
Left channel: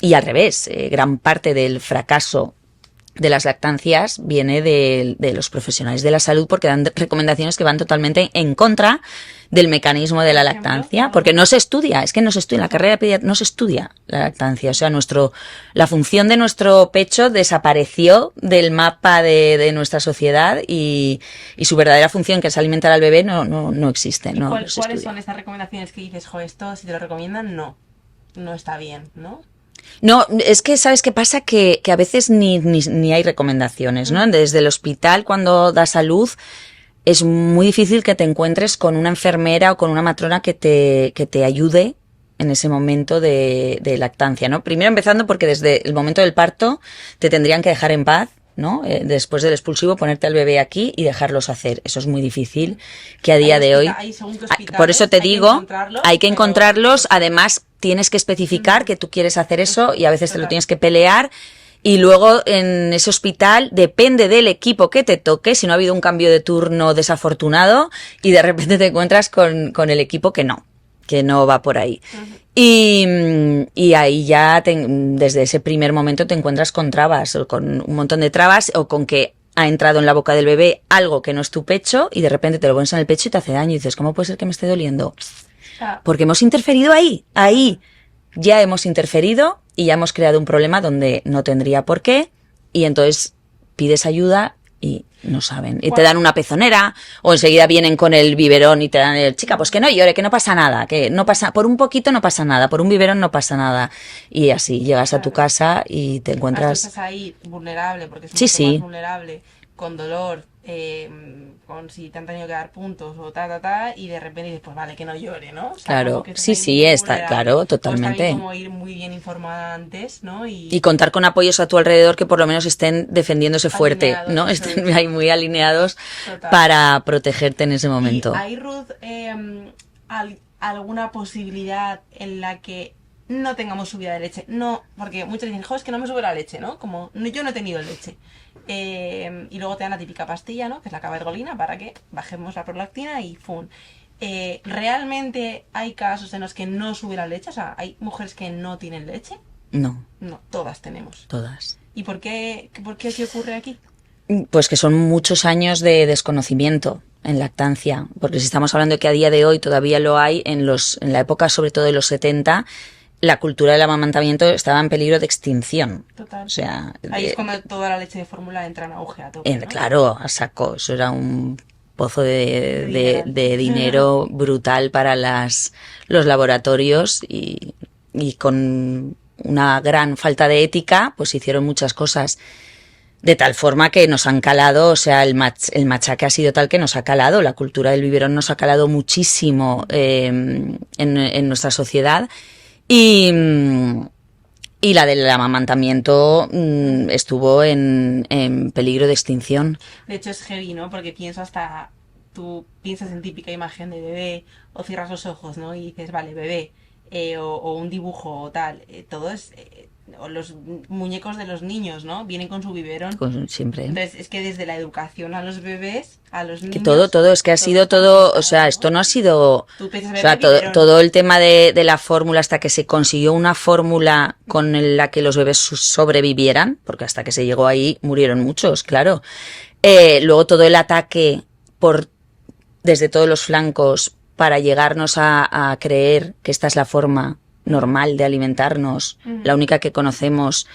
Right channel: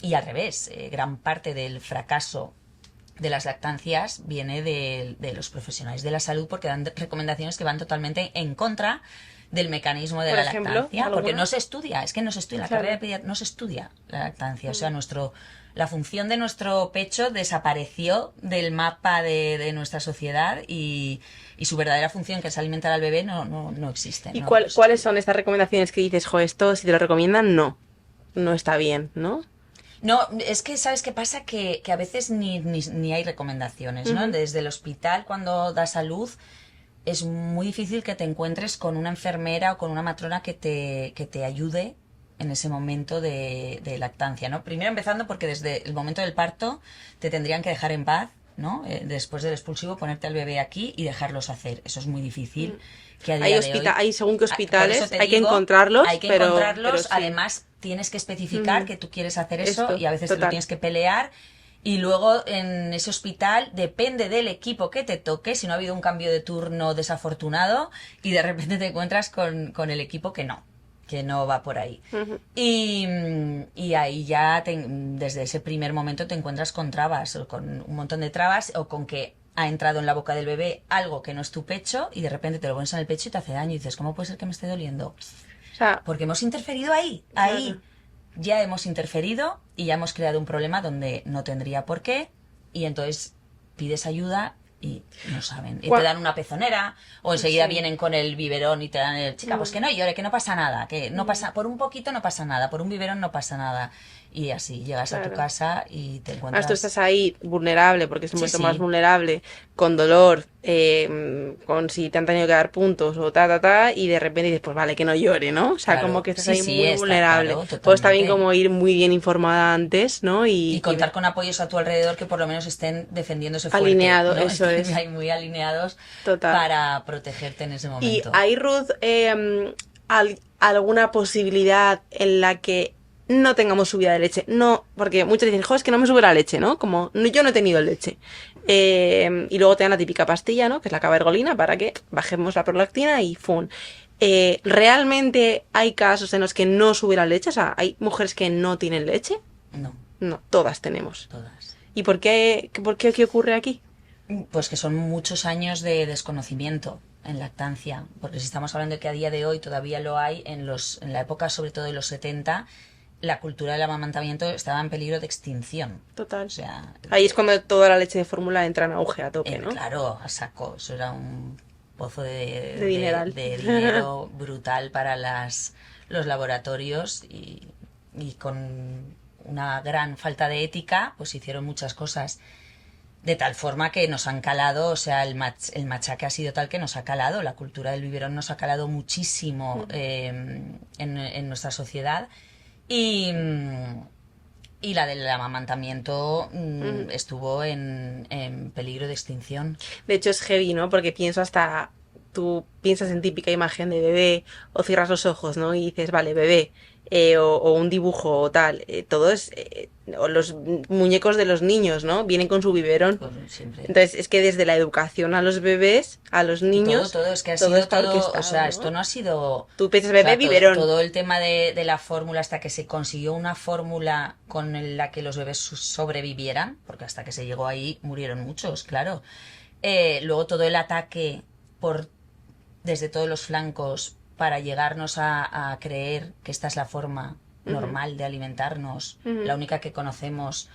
Y al revés, gran parte del fracaso de las lactancias viene de los profesionales de la salud porque dan recomendaciones que van totalmente en contra del mecanismo de Por la ejemplo, lactancia, porque no alguna. se estudia, es que no se estudia, en la Total. carrera de pediatría no se estudia la lactancia, o sea, la función de nuestro pecho desapareció del mapa de nuestra sociedad y su verdadera función, que es alimentar al bebé, no existe, ¿Y no se cuáles estudia. son estas recomendaciones que dices, jo, esto si te lo recomiendan, no. No está bien, ¿no? No, es que sabes qué pasa que a veces ni hay recomendaciones, ¿no? Ujú. Desde el hospital cuando das a luz es muy difícil que te encuentres con una enfermera o con una matrona que te ayude en ese momento de lactancia, ¿no? Primero empezando porque desde el momento del parto te tendrían que dejar en paz, ¿no? Después del expulsivo ponerte al bebé aquí y dejarlos hacer. Eso es muy difícil que a día de hoy. Hay según qué Por eso hospitales, te hay que digo, hay encontrarlos, que pero encontrarlos. sí. Además, tienes que especificar Ujú. que tú quieres hacer eso Eso, y a veces te lo total. tienes que pelear. Y luego en ese hospital depende del equipo que te toque, si no ha habido un cambio de turno desafortunado y de repente te encuentras con el equipo que no va por ahí. Ujú. Y ahí ya desde ese primer momento te encuentras con trabas, o con un montón de trabas, o con que ha entrado en la boca del bebé algo que no es tu pecho y de repente te lo pones en el pecho y te hace daño y dices, ¿cómo puede ser que me esté doliendo? O sea, Porque hemos interferido ahí, claro. ahí. ya hemos interferido y ya hemos creado un problema donde no tendría por qué, y entonces pides ayuda y no saben. Y te dan una pezonera, o enseguida vienen con el biberón y te dan el, chica, pues que no llore, que no pasa nada, que no pasa, por un poquito no pasa nada, por un biberón no pasa nada. Y así llegas a tu casa y te Tú encuentras... estás ahí vulnerable, porque es Sí, mucho más sí, vulnerable, con dolor, con si te han tenido que dar puntos o y de repente dices, pues vale, que no llore, ¿no? O sea, como claro. que estás Sí, ahí sí, muy está vulnerable. claro, O está bien totalmente. como ir muy bien informada antes, ¿no? Y contar con apoyos a tu alrededor que por lo menos estén defendiéndose fuerte, Alineado, ¿no? eso Estén es, ahí muy alineados total. para protegerte en ese ¿Y momento. hay, Ruth, alguna posibilidad en la que no tengamos subida de leche? No, porque muchos dicen, jo, es que no me sube la leche, ¿no? Como, yo no he tenido leche. Y luego te dan la típica pastilla, ¿no? Que es la cabergolina, para que bajemos la prolactina y ¡fum! ¿Realmente hay casos en los que no sube la leche? O sea, ¿hay mujeres que no tienen leche? No, No, todas tenemos. todas. ¿Y qué ocurre aquí? Pues que son muchos años de desconocimiento en lactancia, porque si estamos hablando de que a día de hoy todavía lo hay, en la época sobre todo de los 70, la cultura del amamantamiento estaba en peligro de extinción. Total. O sea, Ahí es cuando toda la leche de fórmula entra en auge a tope, ¿no? claro, a saco, eso era un pozo De dineral. de dinero brutal para los laboratorios, y con una gran falta de ética, pues hicieron muchas cosas. De tal forma que nos han calado, o sea, el machaque ha sido tal que nos ha calado, la cultura del biberón nos ha calado muchísimo en nuestra sociedad, y, y la del amamantamiento estuvo en peligro de extinción. De hecho es heavy, ¿no? Porque tú piensas en típica imagen de bebé o cierras los ojos, ¿no? Y dices, vale, bebé, o un dibujo o tal. Todo es... o los muñecos de los niños, ¿no? Vienen con su biberón. Siempre. Entonces es que desde la educación a los bebés, a los Que niños... todo, es que ha sido está todo, o orquestado, sea, ¿no? esto no ha sido... Tú piensas O bebé, sea, biberón. todo el tema de la fórmula, hasta que se consiguió una fórmula con la que los bebés sobrevivieran, porque hasta que se llegó ahí murieron muchos, claro. Luego todo el ataque desde todos los flancos para llegarnos a creer que esta es la forma normal de alimentarnos, la única que conocemos.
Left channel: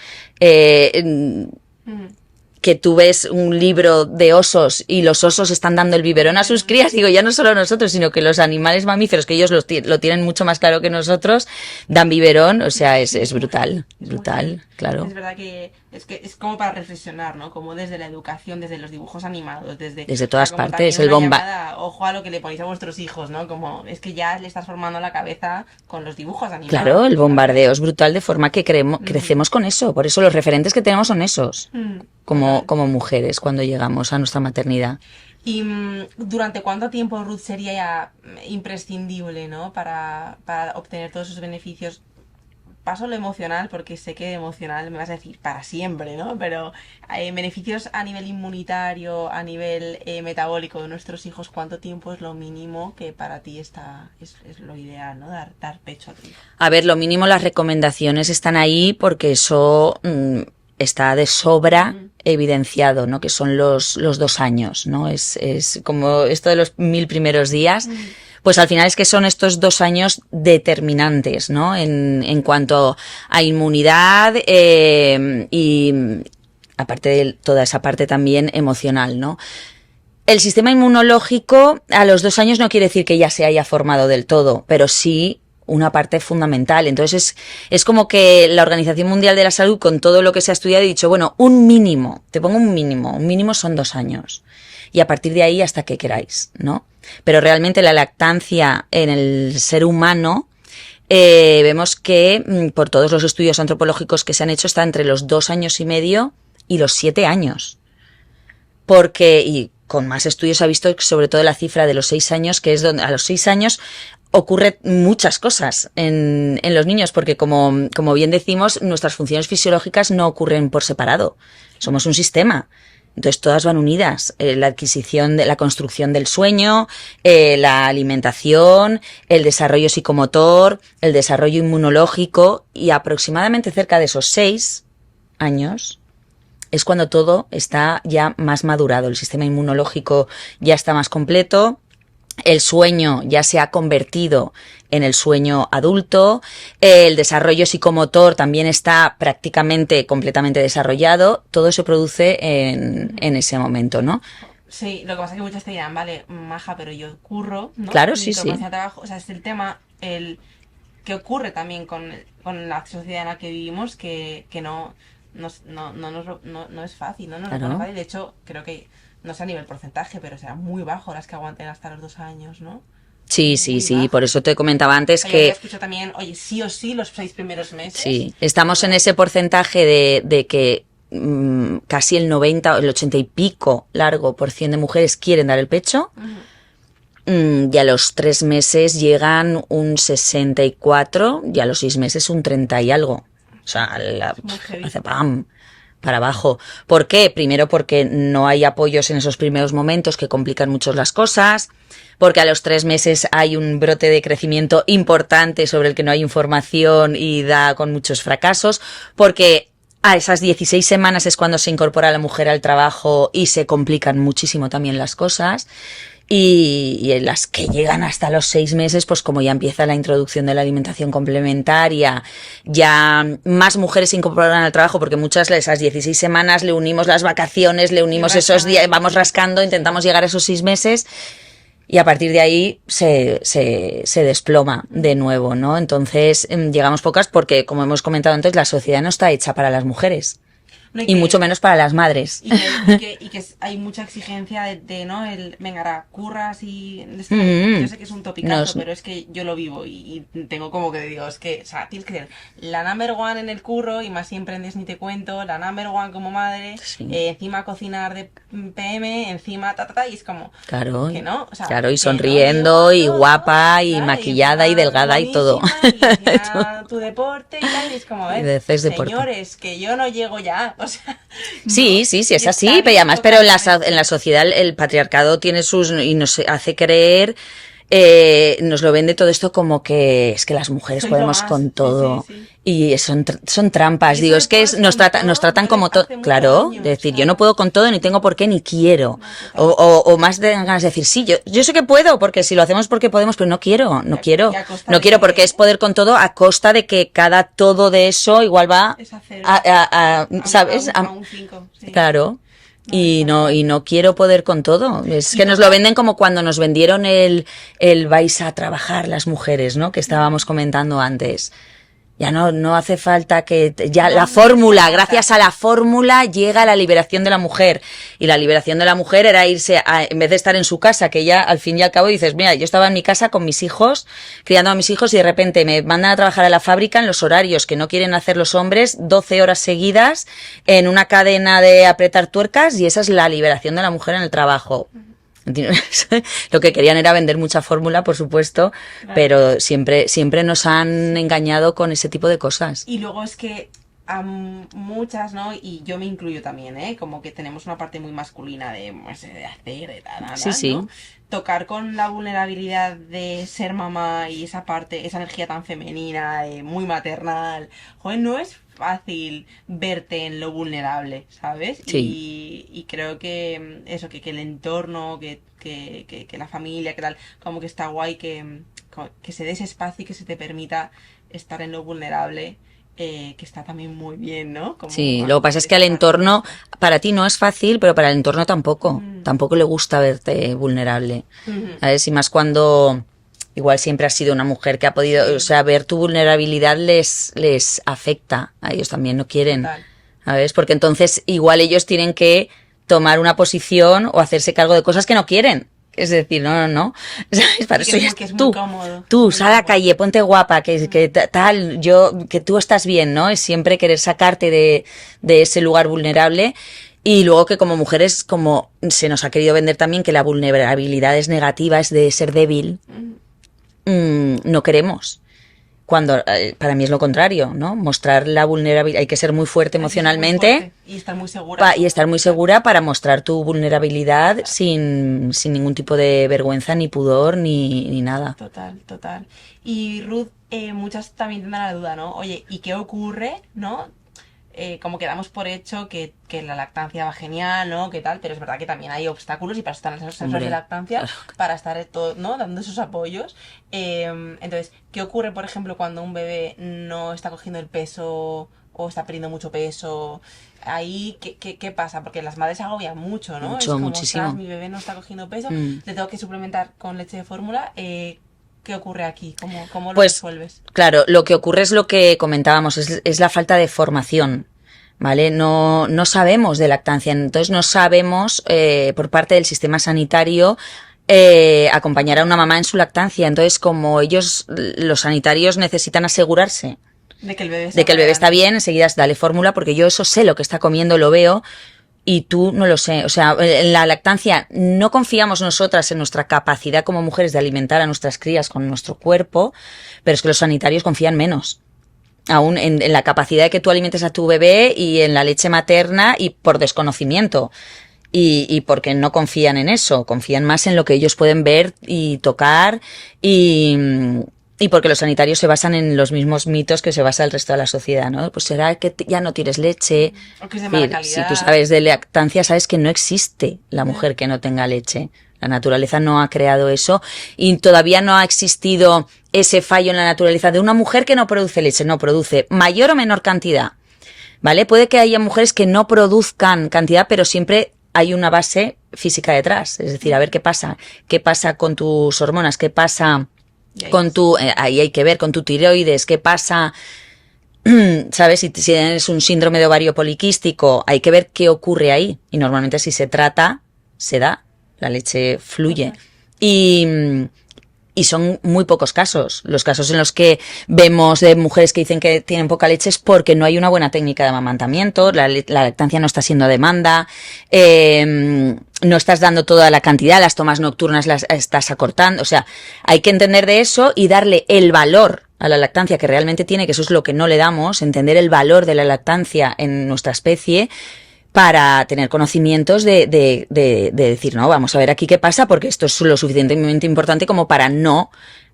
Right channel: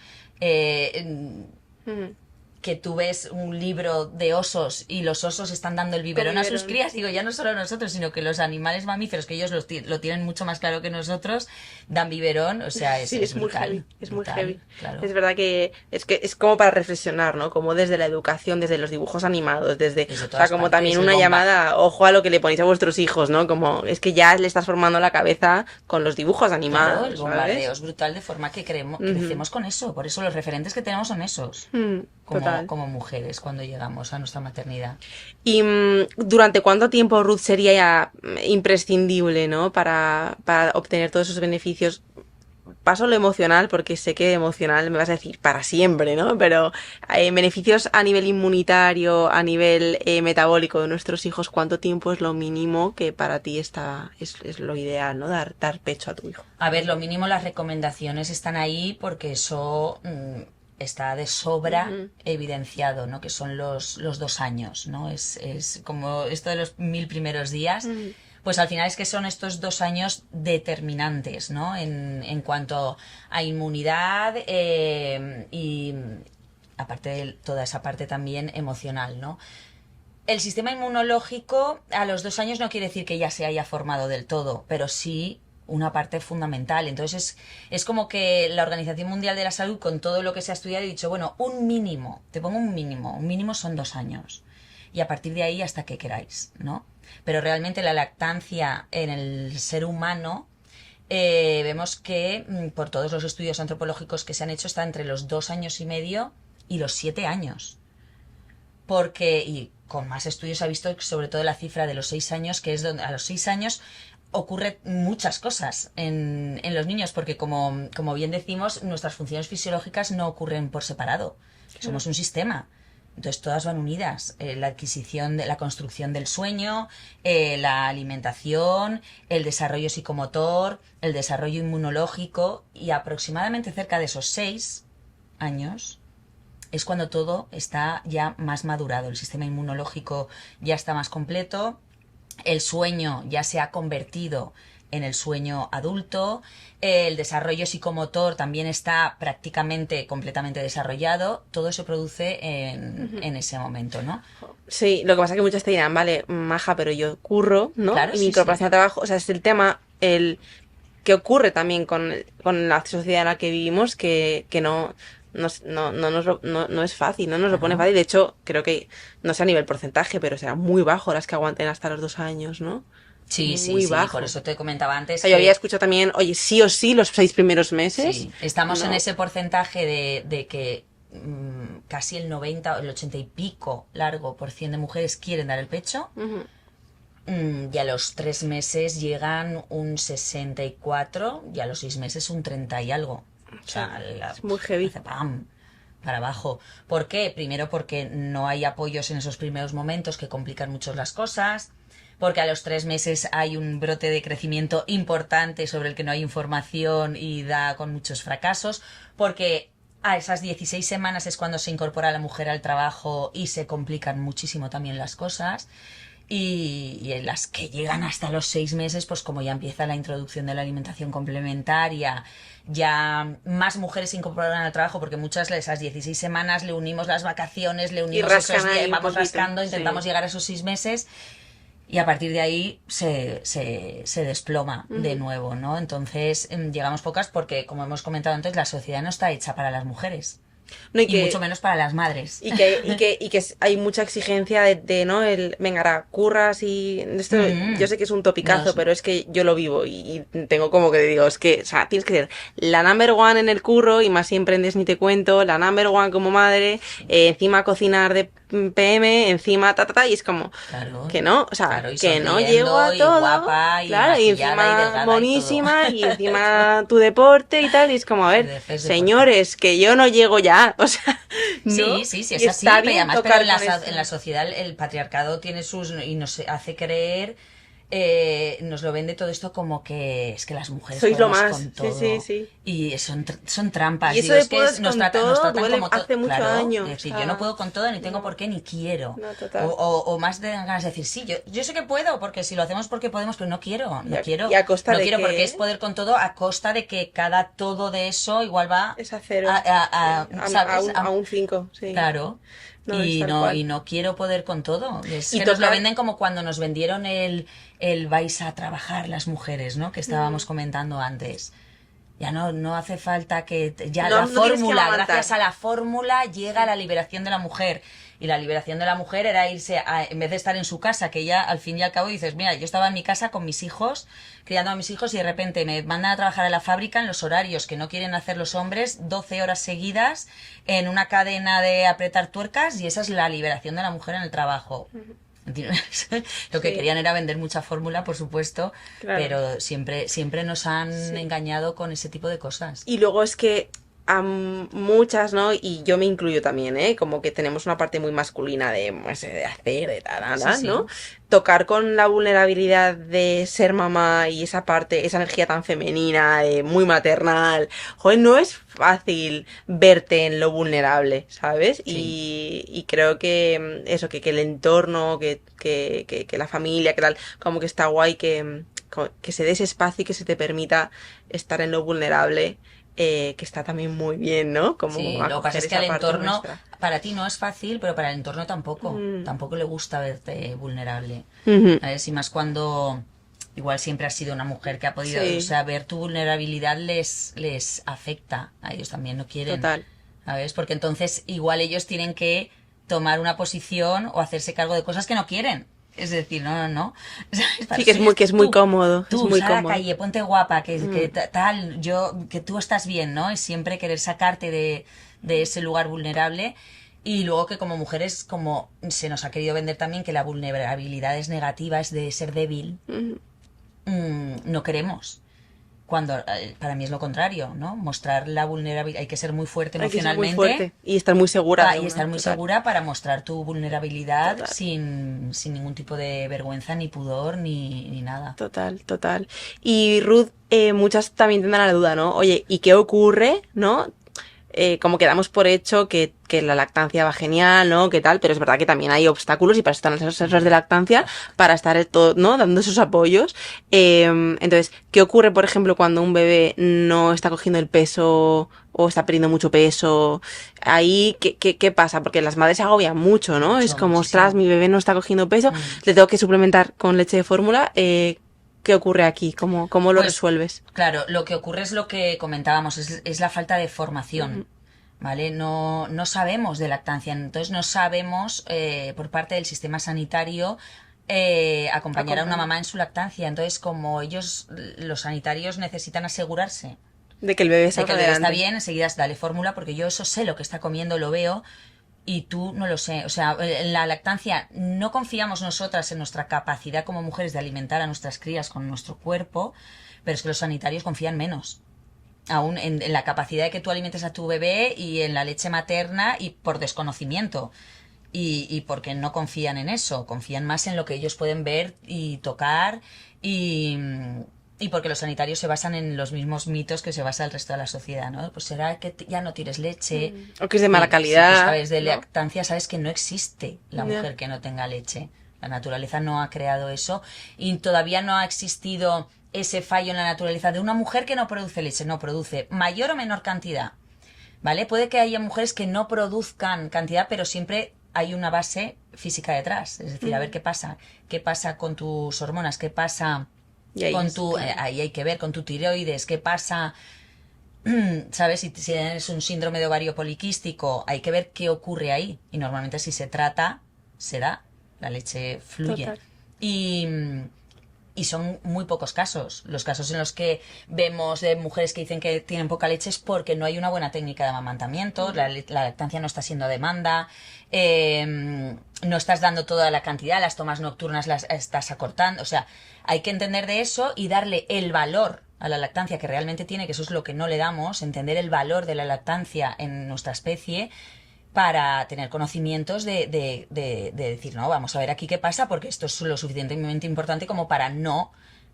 Que tú ves un libro de osos y los osos están dando el biberón a sus crías, digo, ya no solo nosotros, sino que los animales mamíferos, que ellos lo tienen mucho más claro que nosotros, dan biberón, o sea, es brutal, brutal, claro. Es verdad que es como para reflexionar, ¿no? Como desde la educación, desde los dibujos animados, desde todas como partes, también una llamada, ojo a lo que le ponéis a vuestros hijos, ¿no? Como es que ya le estás formando la cabeza con los dibujos animados. Claro, el bombardeo ¿sabes? es brutal, de forma que crecemos con eso, por eso los referentes que tenemos son esos. Como mujeres cuando llegamos a nuestra maternidad. ¿Y durante cuánto tiempo, Ruth, sería ya imprescindible, ¿no? Para obtener todos esos beneficios? Paso lo emocional, porque sé que emocional me vas a decir para siempre, ¿no? Pero beneficios a nivel inmunitario, a nivel metabólico de nuestros hijos, ¿cuánto tiempo es lo mínimo que para ti es lo ideal, ¿no? Dar pecho a tu hijo. A ver, lo mínimo, las recomendaciones están ahí porque eso... está de sobra evidenciado, ¿no? Que son los 2 años, ¿no? Es como esto de los 1000 primeros días, pues al final es que son estos 2 años determinantes, ¿no? En cuanto a inmunidad y aparte de toda esa parte también emocional, ¿no? El sistema inmunológico a los 2 años no quiere decir que ya se haya formado del todo, pero sí una parte fundamental. Entonces es como que la Organización Mundial de la Salud, con todo lo que se ha estudiado, ha dicho, bueno, un mínimo son 2 años. Y a partir de ahí hasta que queráis, ¿no? Pero realmente la lactancia en el ser humano, vemos que por todos los estudios antropológicos que se han hecho, está entre los 2 años y medio y los 7 años. Y con más estudios se ha visto sobre todo la cifra de los 6 años, que es donde a los 6 años ocurre muchas cosas en los niños, porque como bien decimos, nuestras funciones fisiológicas no ocurren por separado. Somos un sistema. Entonces todas van unidas. La adquisición, la construcción del sueño, la alimentación, el desarrollo psicomotor, el desarrollo inmunológico, y aproximadamente cerca de esos 6 años es cuando todo está ya más madurado. El sistema inmunológico ya está más completo. el sueño ya se ha convertido en el sueño adulto, el desarrollo psicomotor también está prácticamente completamente desarrollado, todo se produce en ese momento, ¿no? Sí, lo que pasa es que muchas te dirán, vale, maja, pero yo curro, ¿no? Claro, Mi sí, sí. incorporación de trabajo, o sea, es el tema, el que ocurre también con la sociedad en la que vivimos, que no es fácil, no nos lo pone Claro. fácil. De hecho, creo que, no sé a nivel porcentaje, pero será muy bajo las que aguanten hasta los 2 años, ¿no? Sí, sí, Muy sí, por bajo. eso te comentaba O antes sea, yo había que escuchado también, oye, sí o sí, los 6 primeros meses, sí, estamos en no. ese porcentaje de que casi el 90 o el 80 y pico largo por cien de mujeres quieren dar el pecho. Ujú. Y a los 3 meses llegan un 64 y a los 6 meses un 30 y algo. O sea, Es muy heavy. hace pam para abajo. ¿Por qué? Primero porque no hay apoyos en esos primeros momentos que complican mucho las cosas, porque a los 3 meses hay un brote de crecimiento importante sobre el que no hay información y da con muchos fracasos, porque a esas 16 semanas es cuando se incorpora la mujer al trabajo y se complican muchísimo también las cosas. Y en las que llegan hasta los 6 meses, pues como ya empieza la introducción de la alimentación complementaria, ya más mujeres se incorporan al trabajo, porque muchas de esas 16 semanas le unimos las vacaciones, le Y unimos esos rascan días, ahí un vamos poquito, rascando, sí. intentamos llegar a esos 6 meses y a partir de ahí se desploma de Ujú. nuevo, ¿no? Entonces llegamos pocas porque, como hemos comentado antes, la sociedad no está hecha para las mujeres No, y y mucho que menos para las madres. hay mucha exigencia de, ¿no? Venga, ahora, curras y esto, yo Mm, sé que es un topicazo, nos- pero es que yo lo vivo y tengo como que digo, es que, o sea, tienes que ser la number one en el curro y más si emprendes ni te cuento, la number one como madre, sí. encima cocinar de PM, encima y es como Claro, que no, o sea, claro, y que no llego sonriendo, a y todo, guapa, y claro, y maquillada, y encima delgada, y todo. monísima, y encima tu deporte y tal, y es como, a ver, De haces deporte. señores, que yo no llego ya, o sea, Sí, no, sí, sí, y es está así, pero bien además, pero tocar con en la eso. sociedad el patriarcado tiene sus, y nos hace creer, nos lo vende todo esto como que es que las mujeres Sois lo podemos más, con sí, sí, todo. sí. Y son Y trampas, eso digo, de es que puedas nos con nos todo, tratan huele como todo, hace mucho claro, daño, de o decir, yo no sea, puedo con todo, ni tengo por qué, ni quiero. no, O, total. o más de ganas de decir, sí, yo sé que puedo, porque si lo hacemos porque podemos, pero no quiero, no Y quiero. a costa No de quiero porque es que poder con todo a costa de que cada todo de eso igual va es a cero, ¿sabes? a un 5, sí. Claro. No, es tal cual. Y no quiero poder con todo. Es Y que nos lo tocar. venden como cuando nos vendieron el vais a trabajar las mujeres, ¿no? Que estábamos Ujú. comentando antes. Ya no hace falta que ya No, la no tienes que fórmula, aguantar. gracias a la fórmula llega la liberación de la mujer. Y la liberación de la mujer era irse en vez de estar en su casa, que ya al fin y al cabo dices, mira, yo estaba en mi casa con mis hijos, criando a mis hijos y de repente me mandan a trabajar a la fábrica en los horarios que no quieren hacer los hombres, 12 horas seguidas en una cadena de apretar tuercas y esa es la liberación de la mujer en el trabajo. Lo que Sí, querían era vender mucha fórmula, por supuesto, claro. pero siempre nos han Sí. engañado con ese tipo de cosas. Y luego es que a muchas, ¿no? Y yo me incluyo también, ¿eh? Como que tenemos una parte muy masculina de, pues, de hacer, de tal, Sí, ¿no? sí. Tocar con la vulnerabilidad de ser mamá y esa parte, esa energía tan femenina, muy maternal. Joder, no es fácil verte en lo vulnerable, ¿sabes? Sí. Y creo que eso, que el entorno, que la familia, que tal, como que está guay que se dé ese espacio y que se te permita estar en lo vulnerable, que está también muy bien, ¿no? Como Sí, lo que pasa acoger es que al esa parte entorno, nuestra. para ti no es fácil, pero para el entorno tampoco. Mm. Tampoco le gusta verte vulnerable. Ujú. ¿Sabes? Y más cuando igual siempre has sido una mujer que ha podido, o Sí, sea, ver tu vulnerabilidad les afecta. A ellos también no quieren. total. ¿Sabes? Porque entonces igual ellos tienen que tomar una posición o hacerse cargo de cosas que no quieren. Es decir, no. ¿Sabes? Para Sí, que eso es ya muy, que es muy tú. cómodo. Es Tú, muy sal a la cómodo. calle, ponte guapa, Mm. tal, que tú estás bien, ¿no? Es siempre querer sacarte de ese lugar vulnerable. Y luego que como mujeres, como se nos ha querido vender también que la vulnerabilidad es negativa, es de ser débil, Mm. no queremos. Cuando para mí es lo contrario, ¿no? Mostrar la vulnerabilidad, hay que ser muy fuerte Hay que ser muy emocionalmente fuerte y estar muy segura, y además, estar muy total. segura para mostrar tu vulnerabilidad Total. sin ningún tipo de vergüenza, ni pudor, ni nada. Total, total. Y Ruth, muchas también tendrán la duda, ¿no? Oye, ¿y qué ocurre, no? como que damos por hecho que la lactancia va genial, ¿no? Que tal, pero es verdad que también hay obstáculos y para eso están las asesoras de lactancia, para estar todo, ¿no? Dando esos apoyos. Entonces, ¿qué ocurre, por ejemplo, cuando un bebé no está cogiendo el peso o está perdiendo mucho peso? Ahí, ¿qué pasa? Porque las madres se agobian mucho, ¿no? Mucho, Es como, muchísimo. ostras, mi bebé no está cogiendo peso, le tengo que suplementar con leche de fórmula. ¿Qué ocurre aquí? ¿Cómo lo Pues, resuelves? claro, lo que ocurre es lo que comentábamos, es la falta de formación. ¿Vale? No sabemos de lactancia, entonces no sabemos por parte del sistema sanitario acompañar a una mamá en su lactancia. Entonces, como ellos, los sanitarios, necesitan asegurarse De que el bebé de que el bebé está adelante. bien, enseguida dale fórmula, porque yo eso sé lo que está comiendo, lo veo, y tú no lo sé. O sea, en la lactancia no confiamos nosotras en nuestra capacidad como mujeres de alimentar a nuestras crías con nuestro cuerpo, pero es que los sanitarios confían menos aún en la capacidad de que tú alimentes a tu bebé y en la leche materna y por desconocimiento. Y porque no confían en eso, confían más en lo que ellos pueden ver y tocar y, y porque los sanitarios se basan en los mismos mitos que se basa el resto de la sociedad, ¿no? Pues será que ya no tienes leche. O que es de mala Si tú calidad. sabes de lactancia, sabes que no existe la mujer que no tenga leche. La naturaleza no ha creado eso y todavía no ha existido ese fallo en la naturaleza de una mujer que no produce leche, no produce mayor o menor cantidad, ¿vale? Puede que haya mujeres que no produzcan cantidad, pero siempre hay una base física detrás. Es decir, a ver qué pasa con tus hormonas, qué pasa Y ahí con tu, ahí hay que ver, con tu tiroides, qué pasa, ¿sabes? Si tienes un síndrome de ovario poliquístico, hay que ver qué ocurre ahí. Y normalmente si se trata, se da, la leche fluye. total. Y son muy pocos casos. Los casos en los que vemos de mujeres que dicen que tienen poca leche es porque no hay una buena técnica de amamantamiento, la lactancia no está siendo demanda, no estás dando toda la cantidad, las tomas nocturnas las estás acortando. O sea, hay que entender de eso y darle el valor a la lactancia que realmente tiene, que eso es lo que no le damos, entender el valor de la lactancia en nuestra especie para tener conocimientos de decir, no, vamos a ver aquí qué pasa, porque esto es lo suficientemente importante como para no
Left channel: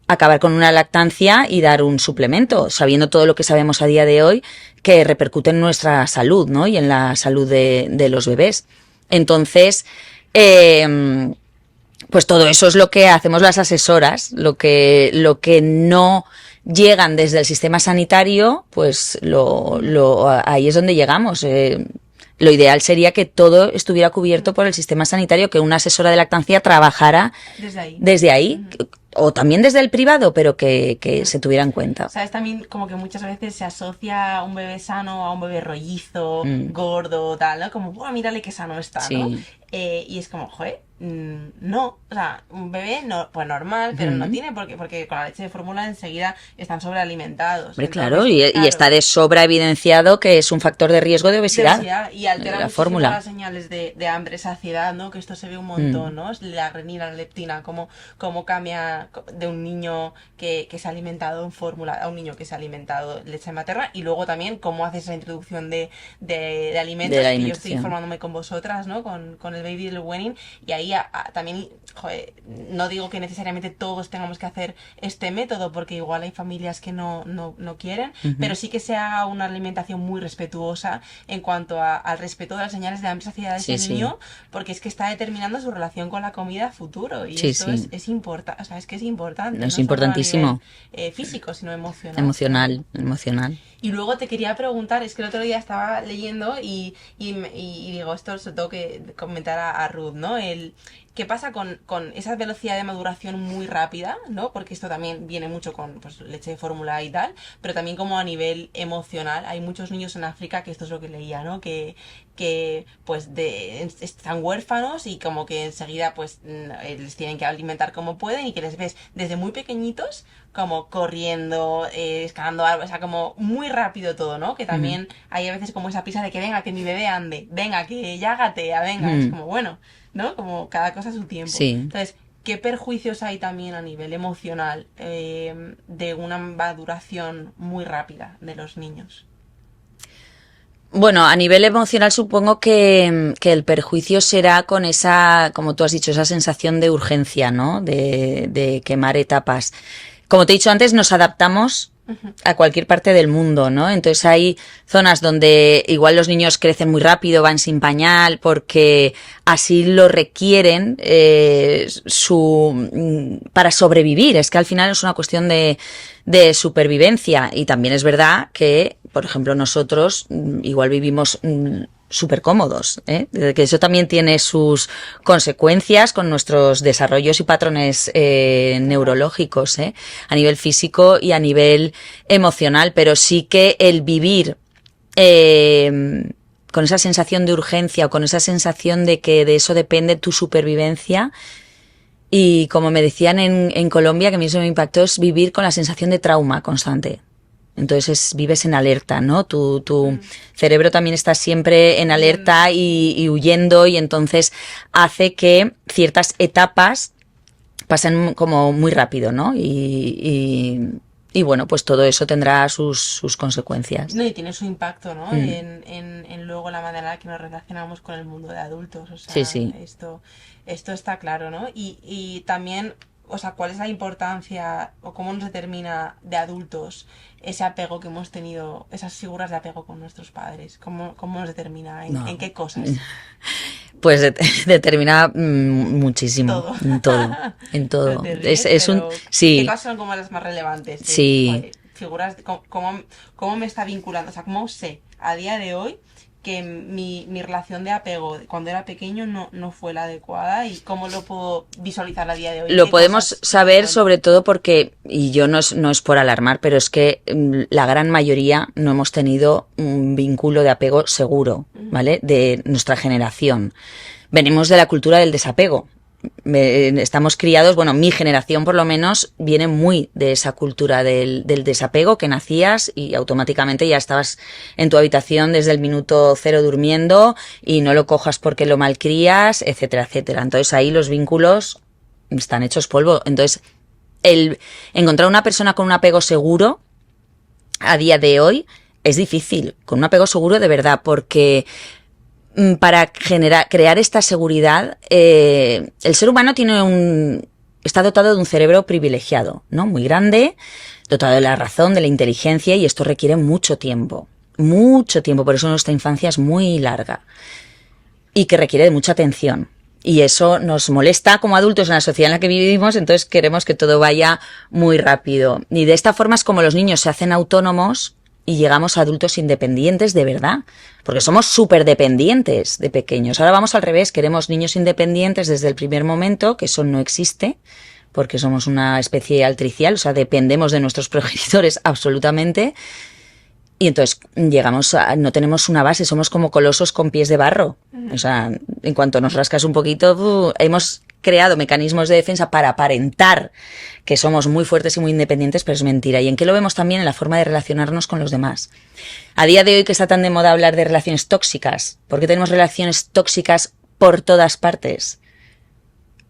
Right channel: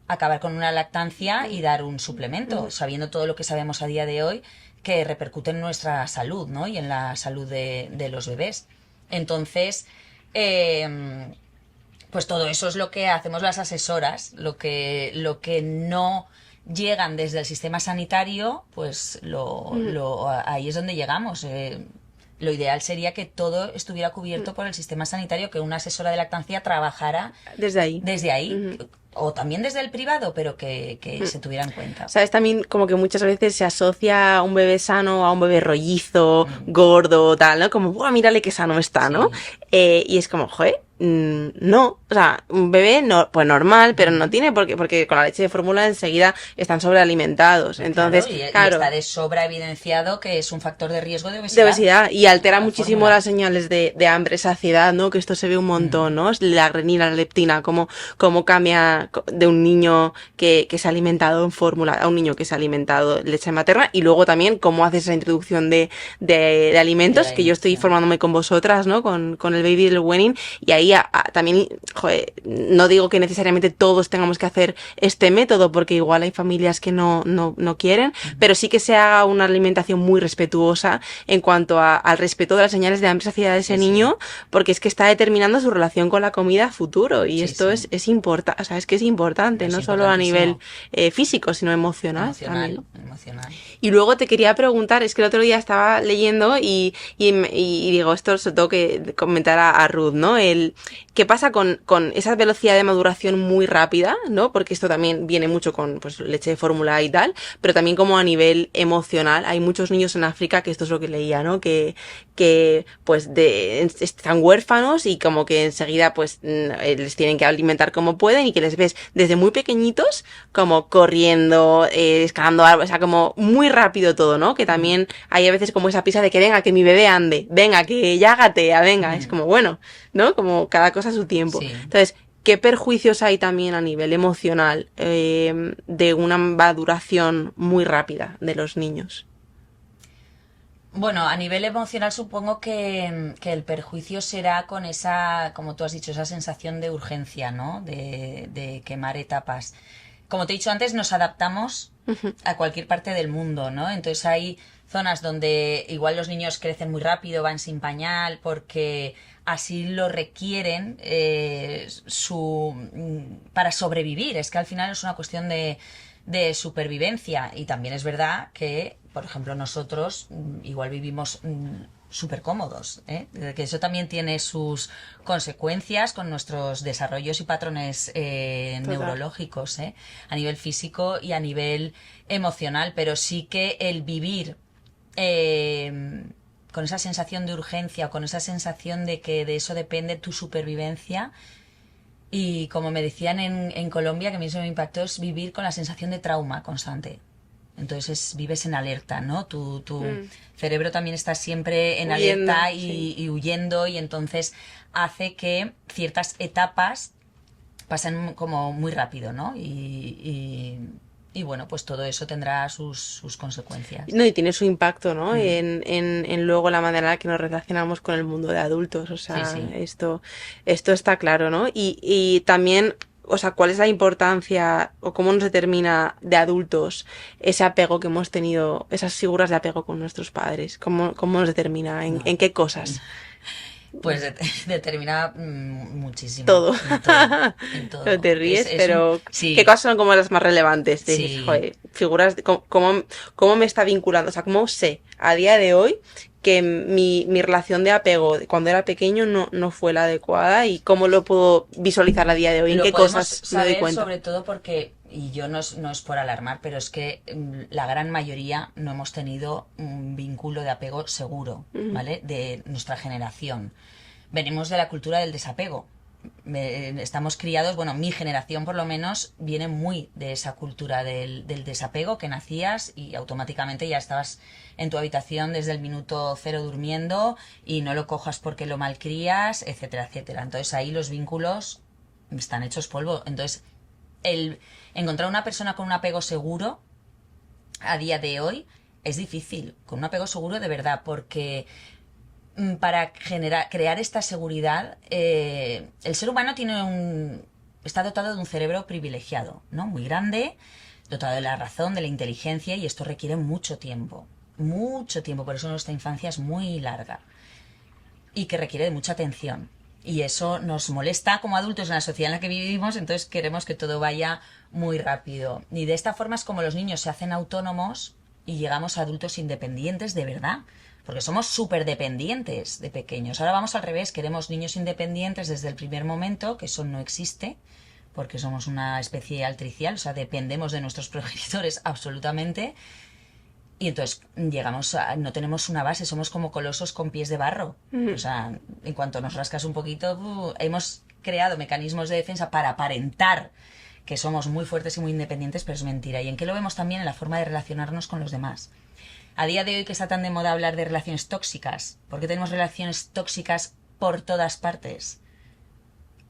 acabar con una lactancia y dar un suplemento, sabiendo todo lo que sabemos a día de hoy que repercute en nuestra salud, ¿no? Y en la salud de los bebés. Entonces, pues todo eso es lo que hacemos las asesoras, lo que no llegan desde el sistema sanitario, pues ahí es donde llegamos. Lo ideal sería que todo estuviera cubierto por el sistema sanitario, que una asesora de lactancia trabajara Desde ahí. desde ahí, o también desde el privado, pero que se tuviera en cuenta. ¿Sabes? También como que muchas veces se asocia un bebé sano a un bebé rollizo, gordo, tal, ¿no? Como, ¡buah, mírale qué sano está!, ¿no? Sí. Y es como, joder, no. O sea, un bebé no, pues normal, pero no tiene por qué, porque con la leche de fórmula enseguida están sobrealimentados. Hombre, Entonces, claro, y claro, está de sobra evidenciado que es un factor de riesgo de de obesidad. obesidad y altera La muchísimo fórmula. las señales de hambre, saciedad, ¿no? Que esto se ve un montón, ¿no? La grenina, la leptina, cómo cambia de un niño que se ha alimentado en fórmula a un niño que se ha alimentado leche materna, y luego también cómo haces esa introducción de alimentos, De la que yo estoy alimentación. formándome con vosotras, ¿no? Con el baby del weaning, y ahí también, joder, no digo que necesariamente todos tengamos que hacer este método, porque igual hay familias que no quieren, pero sí que se haga una alimentación muy respetuosa en cuanto al respeto de las señales de hambre y saciedad de ese Sí, sí. niño, porque es que está determinando su relación con la comida a futuro, y Sí, esto sí. es importante, o sea, es que es importante, Es no solo a importantísimo. nivel físico, sino emocional. Emocional, También. emocional. Y luego te quería preguntar, es que el otro día estaba leyendo y digo, esto se lo tengo que comentar a Ruth, ¿no? ¿Qué pasa con esa velocidad de maduración muy rápida, ¿no? Porque esto también viene mucho con pues, leche de fórmula y tal, pero también como a nivel emocional. Hay muchos niños en África, que esto es lo que leía, ¿no? Que pues están huérfanos y como que enseguida pues les tienen que alimentar como pueden, y que les ves desde muy pequeñitos como corriendo, escalando árboles, o sea, como muy rápido todo, ¿no? Que también hay a veces como esa prisa de que venga, que mi bebé ande, venga, que ya gatea, venga, es como bueno, ¿no? Como cada cosa a su tiempo. Sí. Entonces, ¿qué perjuicios hay también a nivel emocional de una maduración muy rápida de los niños? Bueno, a nivel emocional supongo que el perjuicio será con esa, como tú has dicho, esa sensación de urgencia, ¿no? De quemar etapas. como te he dicho antes, nos adaptamos a cualquier parte del mundo, ¿no? Entonces hay zonas donde igual los niños crecen muy rápido, van sin pañal, porque así lo requieren para sobrevivir. Es que al final es una cuestión de supervivencia. Y también es verdad que, por ejemplo, nosotros igual vivimos súper cómodos, ¿eh? Que eso también tiene sus consecuencias con nuestros desarrollos y patrones neurológicos, ¿eh? A nivel físico y a nivel emocional, pero sí que el vivir con esa sensación de urgencia o con esa sensación de que de eso depende tu supervivencia. Y como me decían en Colombia, que a mí eso me impactó, es vivir con la sensación de trauma constante. Entonces vives en alerta, ¿no? Tu cerebro también está siempre en alerta y huyendo, y entonces hace que ciertas etapas pasen como muy rápido, ¿no? Y bueno, pues todo eso tendrá sus consecuencias. No, y tiene su impacto, ¿no? En luego la manera en la que nos relacionamos con el mundo de adultos. O sea, Sí. esto está claro, ¿no? Y también, o sea, ¿cuál es la importancia o cómo nos determina de adultos ese apego que hemos tenido, esas figuras de apego con nuestros padres? ¿Cómo nos determina? ¿En qué cosas? Pues determina muchísimo. Todo. En todo. No te ríes, pero sí. ¿qué cosas son como las más relevantes? Sí. Joder, figuras, ¿cómo me está vinculando? O sea, ¿cómo sé a día de hoy que mi relación de apego cuando era pequeño no fue la adecuada, y cómo lo puedo visualizar a día de hoy? Lo podemos saber sobre todo porque, y yo no es por alarmar, pero es que la gran mayoría no hemos tenido un vínculo de apego seguro, ¿vale? De nuestra generación. Venimos de la cultura del desapego. Estamos criados, bueno, mi generación por lo menos viene muy de esa cultura del desapego, que nacías y automáticamente ya estabas en tu habitación desde el minuto cero durmiendo y no lo cojas porque lo malcrías, etcétera, etcétera. Entonces ahí los vínculos están hechos polvo. Entonces el encontrar una persona con un apego seguro a día de hoy es difícil, con un apego seguro de verdad, porque para crear esta seguridad, el ser humano está dotado de un cerebro privilegiado, ¿no? Muy grande, dotado de la razón, de la inteligencia, y esto requiere mucho tiempo, por eso nuestra infancia es muy larga y que requiere de mucha atención. Y eso nos molesta como adultos en la sociedad en la que vivimos, entonces queremos que todo vaya muy rápido. Y de esta forma es como los niños se hacen autónomos y llegamos a adultos independientes de verdad, porque somos súper dependientes de pequeños. Ahora vamos al revés, queremos niños independientes desde el primer momento, que eso no existe, porque somos una especie altricial, o sea, dependemos de nuestros progenitores absolutamente. Y entonces no tenemos una base, somos como colosos con pies de barro. O sea, en cuanto nos rascas un poquito, hemos creado mecanismos de defensa para aparentar que somos muy fuertes y muy independientes, pero es mentira. ¿Y en qué lo vemos también? En la forma de relacionarnos con los demás. A día de hoy, que está tan de moda hablar de relaciones tóxicas, ¿por qué tenemos relaciones tóxicas por todas partes?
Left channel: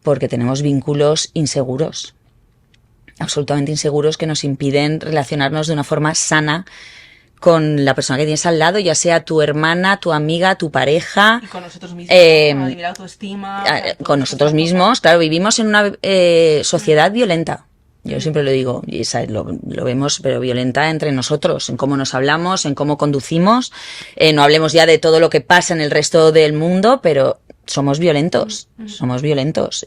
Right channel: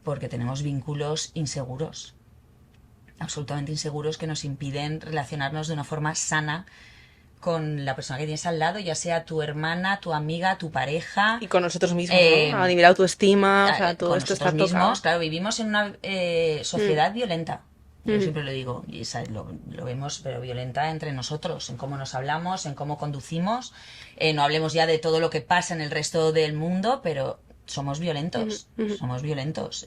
Porque tenemos vínculos inseguros, absolutamente inseguros, que nos impiden relacionarnos de una forma sana con la persona que tienes al lado, ya sea tu hermana, tu amiga, tu pareja. Y con nosotros mismos, ¿no? A nivel autoestima. O sea, con nosotros mismos, claro, vivimos en una sociedad violenta. Yo siempre lo digo, y ¿sabes? Lo vemos, pero violenta entre nosotros, en cómo nos hablamos, en cómo conducimos. No hablemos ya de todo lo que pasa en el resto del mundo, pero somos violentos,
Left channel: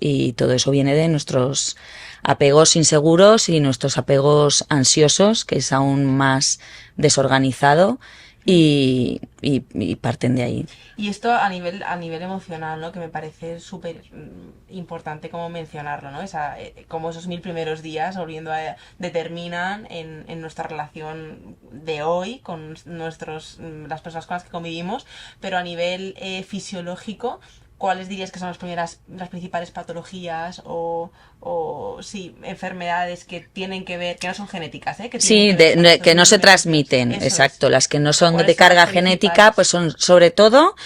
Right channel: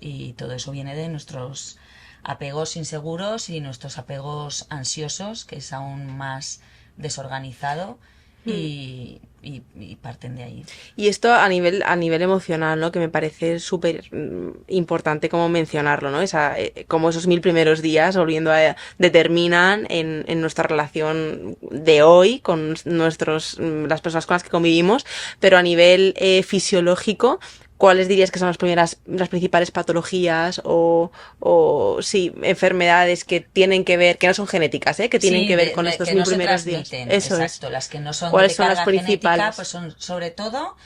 y todo eso viene de nuestros apegos inseguros y nuestros apegos ansiosos, que es aún más desorganizado, y parten de ahí. Y esto a nivel emocional, ¿no? Que me parece súper importante como mencionarlo, ¿no? Como esos 1000 primeros días, determinan en nuestra relación de hoy con las personas con las que convivimos, pero a nivel fisiológico, ¿cuáles dirías que son las principales patologías o sí, enfermedades que tienen que ver, que no son genéticas, que tienen que ver con que no se transmiten? Exacto, las que no son de carga genética, pues son sobre todo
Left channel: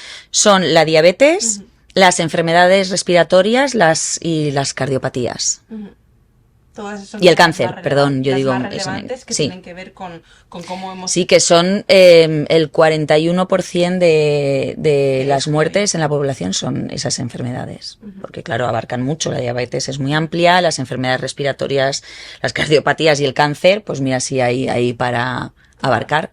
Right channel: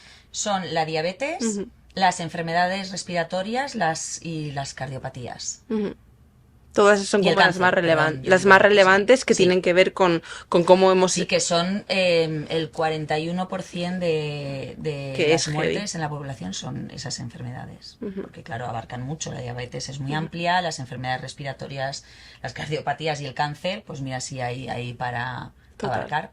la diabetes, las enfermedades respiratorias y las cardiopatías. Todas esas son Y el como las cáncer, más perdón, yo las digo más eso, relevantes que sí. tienen que ver con cómo hemos... Sí, que son el 41% de que es las heavy. muertes en la población son esas enfermedades. Ujú. Porque, claro, abarcan mucho. La diabetes es muy amplia, las enfermedades respiratorias, las cardiopatías y el cáncer, pues mira, sí hay ahí para Total. abarcar.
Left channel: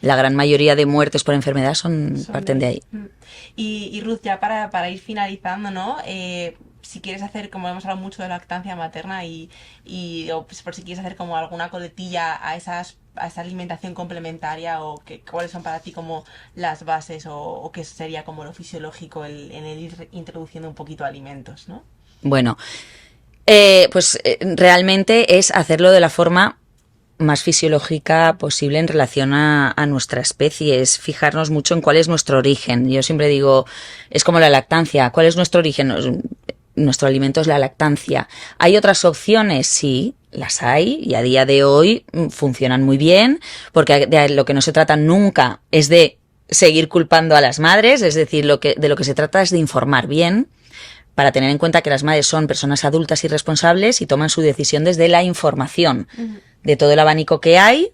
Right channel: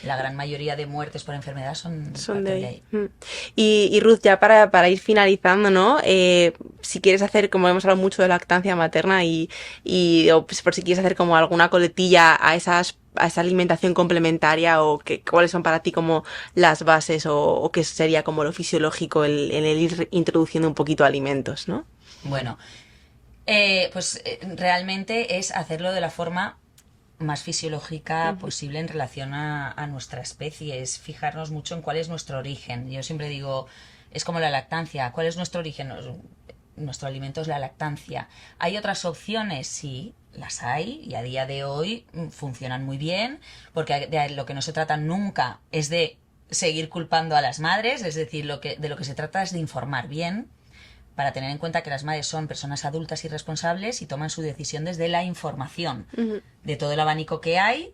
La gran mayoría de muertes por enfermedad Son de parten de ahí. ahí. Y Ruth, ya para ir finalizando, ¿no? Si quieres hacer, como hemos hablado mucho de lactancia materna o pues, por si quieres hacer como alguna coletilla a esa alimentación complementaria o cuáles son para ti como las bases o qué sería como lo fisiológico en el ir introduciendo un poquito alimentos, ¿no? Bueno, realmente es hacerlo de la forma más fisiológica posible en relación a nuestra especie, es fijarnos mucho en cuál es nuestro origen. Yo siempre digo, es como la lactancia, ¿cuál es nuestro origen? Nuestro alimento es la lactancia. ¿Hay otras opciones? Sí, las hay y a día de hoy funcionan muy bien, porque de lo que no se trata nunca es de seguir culpando a las madres, es decir, de lo que se trata es de informar bien para tener en cuenta que las madres son personas adultas y responsables y toman su decisión desde la información Ujú. de todo el abanico que hay,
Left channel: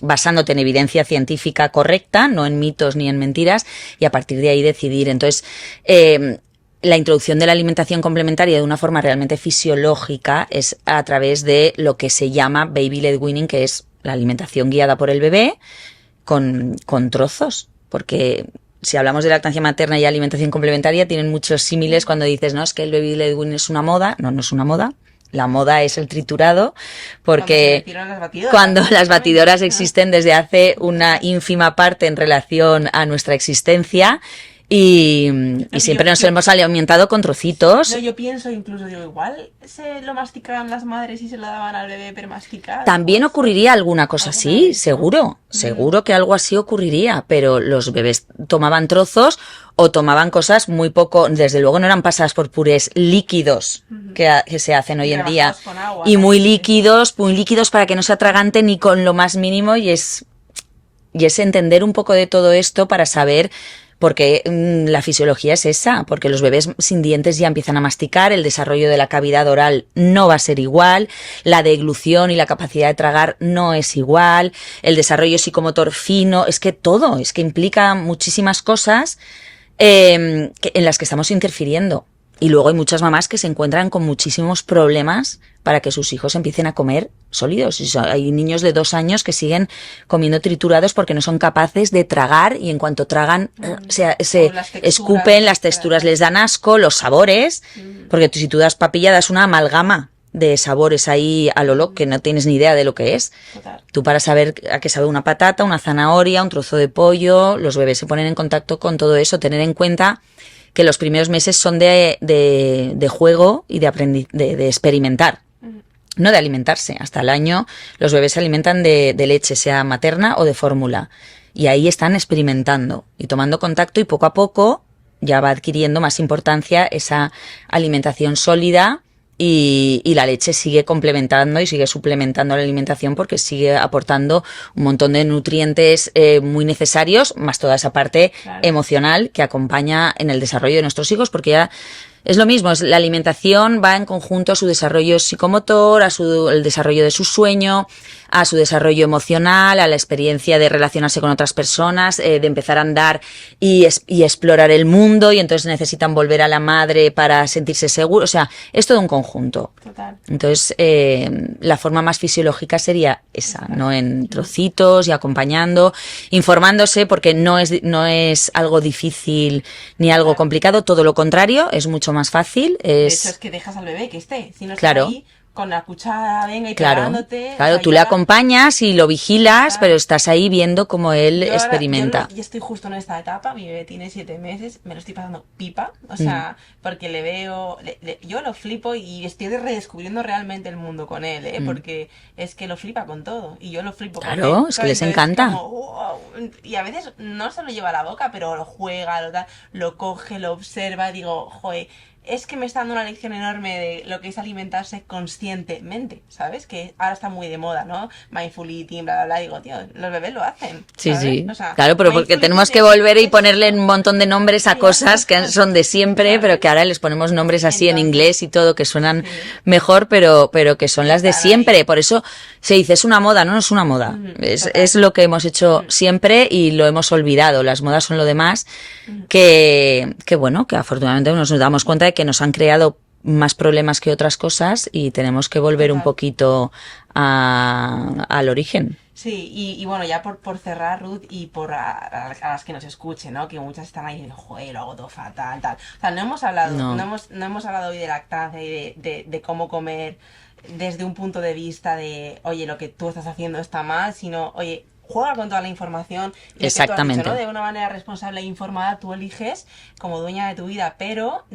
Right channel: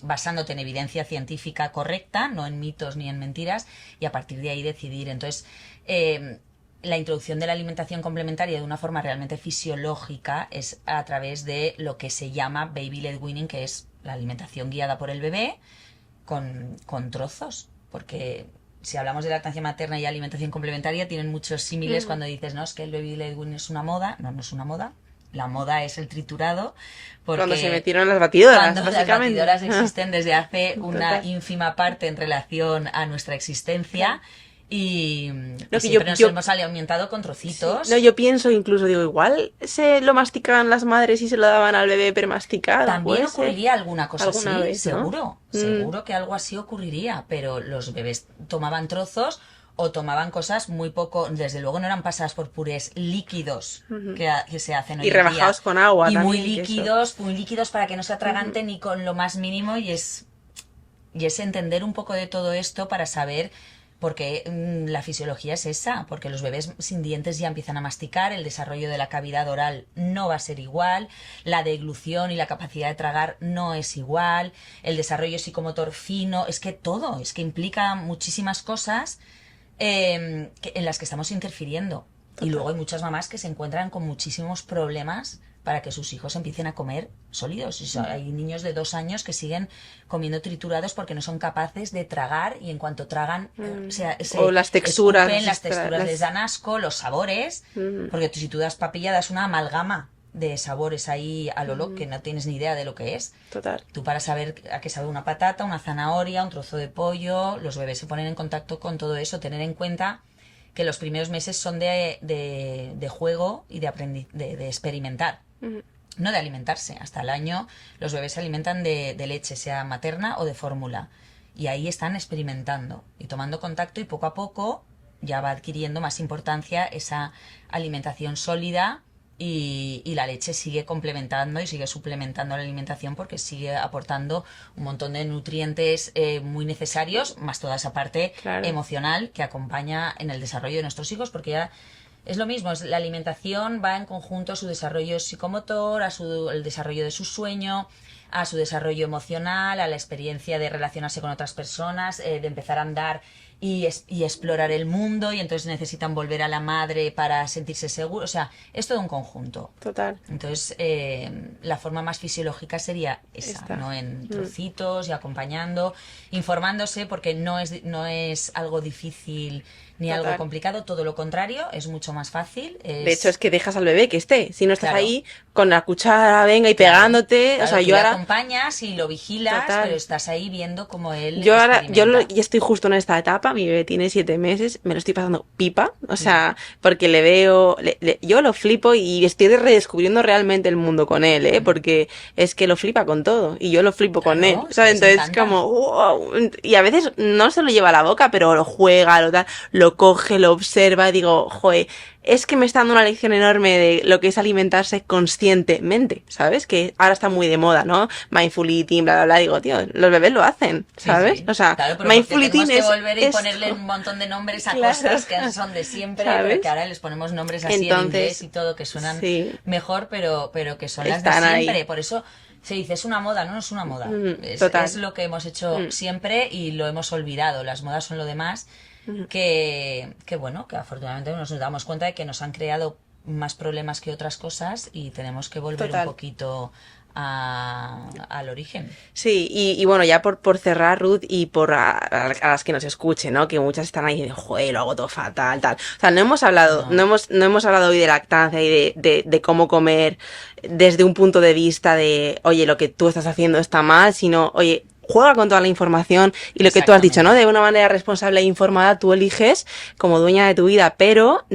basándote en evidencia científica correcta, no en mitos ni en mentiras, y a partir de ahí decidir. Entonces, la introducción de la alimentación complementaria de una forma realmente fisiológica es a través de lo que se llama baby-led weaning, que es la alimentación guiada por el bebé con trozos, porque si hablamos de lactancia materna y alimentación complementaria, tienen muchos símiles cuando dices, no, es que el baby led weaning es una moda. No, no es una moda. La moda es el triturado, Cuando se porque metieron las batidoras, cuando las básicamente. batidoras existen desde hace una Total. ínfima parte en relación a nuestra existencia y que siempre nos hemos alimentado con trocitos. No, yo pienso incluso, digo, igual se lo masticaban las madres y se lo daban al bebé premasticado. También Puede ser. ocurriría alguna cosa Alguna así, vez, ¿no? seguro, seguro que algo así ocurriría, pero los bebés tomaban trozos o tomaban cosas muy poco, desde luego no eran pasadas por purés líquidos que se hacen hoy Y en día rebajados con agua y también, que eso. muy líquidos para que no se atraganten ni con lo más mínimo y es entender un poco de todo esto para saber porque la fisiología es esa, porque los bebés sin dientes ya empiezan a masticar, el desarrollo de la cavidad oral no va a ser igual, la deglución y la capacidad de tragar no es igual, el desarrollo psicomotor fino, es que todo, es que implica muchísimas cosas en las que estamos interfiriendo. Y luego hay muchas mamás que se encuentran con muchísimos problemas para que sus hijos empiecen a comer sólidos. Hay niños de 2 años que siguen comiendo triturados porque no son capaces de tragar y en cuanto tragan se O las texturas, escupen, las texturas les dan asco, los sabores, porque si tú das papilla das una amalgama de sabores ahí a lo loco que no tienes ni idea de lo que es. Total. Tú para saber a qué sabe una patata, una zanahoria, un trozo de pollo, los bebés se ponen en contacto con todo eso, tener en cuenta que los primeros meses son de juego y de experimentar, no de alimentarse. Hasta el año los bebés se alimentan de leche, sea materna o de fórmula. Y ahí están experimentando y tomando contacto y poco a poco ya va adquiriendo más importancia esa alimentación sólida y la leche sigue complementando y sigue suplementando la alimentación porque sigue aportando un montón de nutrientes muy necesarios, más toda esa parte Claro. emocional que acompaña en el desarrollo de nuestros hijos, porque ya es lo mismo, la alimentación va en conjunto a su desarrollo psicomotor, el desarrollo de su sueño, a su desarrollo emocional, a la experiencia de relacionarse con otras personas, de empezar a andar y explorar el mundo, y entonces necesitan volver a la madre para sentirse seguros. O sea, es todo un conjunto. Total. Entonces, la forma más fisiológica sería esa, Esta. ¿no? En trocitos y acompañando, informándose, porque no es algo difícil ni algo Total. complicado, todo lo contrario, es mucho más fácil. De hecho, es que dejas al bebé que esté. Si no estás Claro. ahí con la cuchara, venga, y Claro, pegándote. claro, O sea, tú yo le ahora- acompañas y lo vigilas, Total. pero estás ahí viendo cómo él Yo ahora, experimenta. ya estoy justo en esta etapa, mi bebé tiene 7 meses, me lo estoy pasando pipa, o sea, porque le veo, yo lo flipo y estoy redescubriendo realmente el mundo con él, porque es que lo flipa con todo y yo lo flipo con Claro, él, es que ¿sabes? les Entonces encanta. como, wow, y a veces no se lo lleva a la boca, pero lo juega, lo tal, lo coge, lo observa, digo, joder, es que me está dando una lección enorme de lo que es alimentarse conscientemente, ¿sabes? Que ahora está muy de moda, ¿no? Mindful eating, bla, bla, bla. Digo, tío, los bebés lo hacen, Sí, ¿sabes? sí. O sea, Claro, pero porque mindful tenemos eating que volver y es ponerle esto. un montón de nombres a Claro, cosas que son de siempre, ¿sabes? pero que ahora les ponemos nombres así en Entonces, inglés y todo, que suenan sí, mejor, pero que son las de están ahí. siempre. Por eso se dice, es una moda, no, no es una moda. Es Total. lo que hemos hecho Mm, siempre y lo hemos olvidado. Las modas son lo demás, mm, que bueno, que afortunadamente nos damos cuenta de que nos han creado más problemas que otras cosas y tenemos que volver un total. poquito al origen. Sí, y bueno, ya por cerrar, Ruth, y por a las que nos escuchen, ¿no? Que muchas están ahí de, joder, lo hago todo fatal, tal. O sea, no hemos hablado, No, no hemos hablado hoy de lactancia y de cómo comer desde un punto de vista de, oye, lo que tú estás haciendo está mal, sino, oye, juega con toda la información y lo que tú has dicho, ¿no? exactamente. De una manera responsable e informada, tú eliges como dueña de tu vida, pero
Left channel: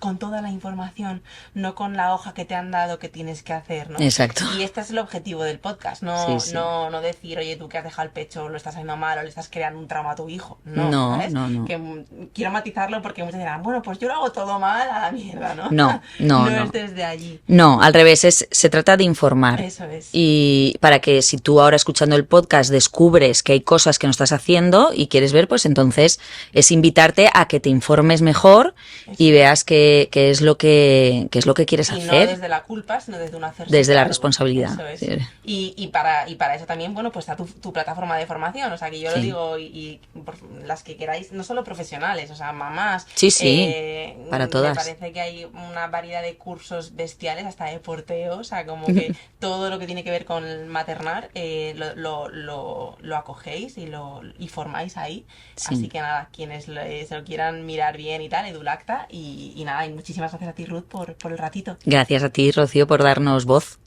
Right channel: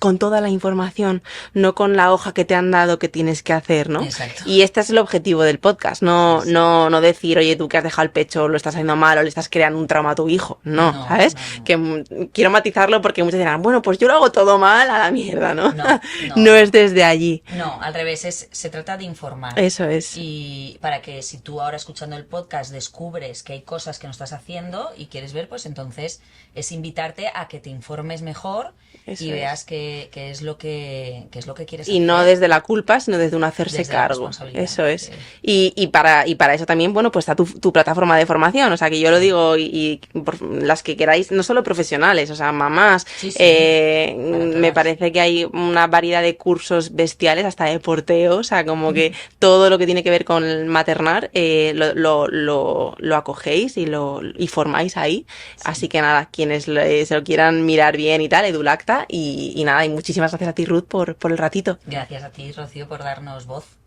con toda la información, no con la hoja que te han dado que tienes que hacer, ¿no? Exacto. Y este es el objetivo del podcast, Sí, sí. no decir, oye, tú que has dejado el pecho, lo estás haciendo mal o le estás creando un trauma a tu hijo. No, No, ¿sabes? no, no. Que quiero matizarlo porque muchos dirán, bueno, pues yo lo hago todo mal a la mierda, ¿no? No, no, No es no. desde allí. No, al revés, se trata de informar. Eso es. Y para que si tú ahora escuchando el podcast descubres que hay cosas que no estás haciendo y quieres ver, pues entonces es invitarte a que te informes mejor Eso y es. veas qué qué es lo que quieres Y no hacer desde la culpa, sino desde un hacerse desde la cargo. responsabilidad. Eso es. Sí, Y para eso también, bueno, pues está tu plataforma de formación. O sea, que yo lo sí, digo y por las que queráis, no solo profesionales, o sea, mamás. sí, sí, para Me todas. parece que hay una variedad de cursos bestiales, hasta de porteo. O sea, como que todo lo que tiene que ver con el maternar lo acogéis y formáis ahí. Así Sí. que nada, quienes se lo quieran mirar bien y tal, Edulacta. Y nada, y muchísimas gracias a ti, Ruth, por el ratito. Gracias a ti, Rocío, por darnos voz.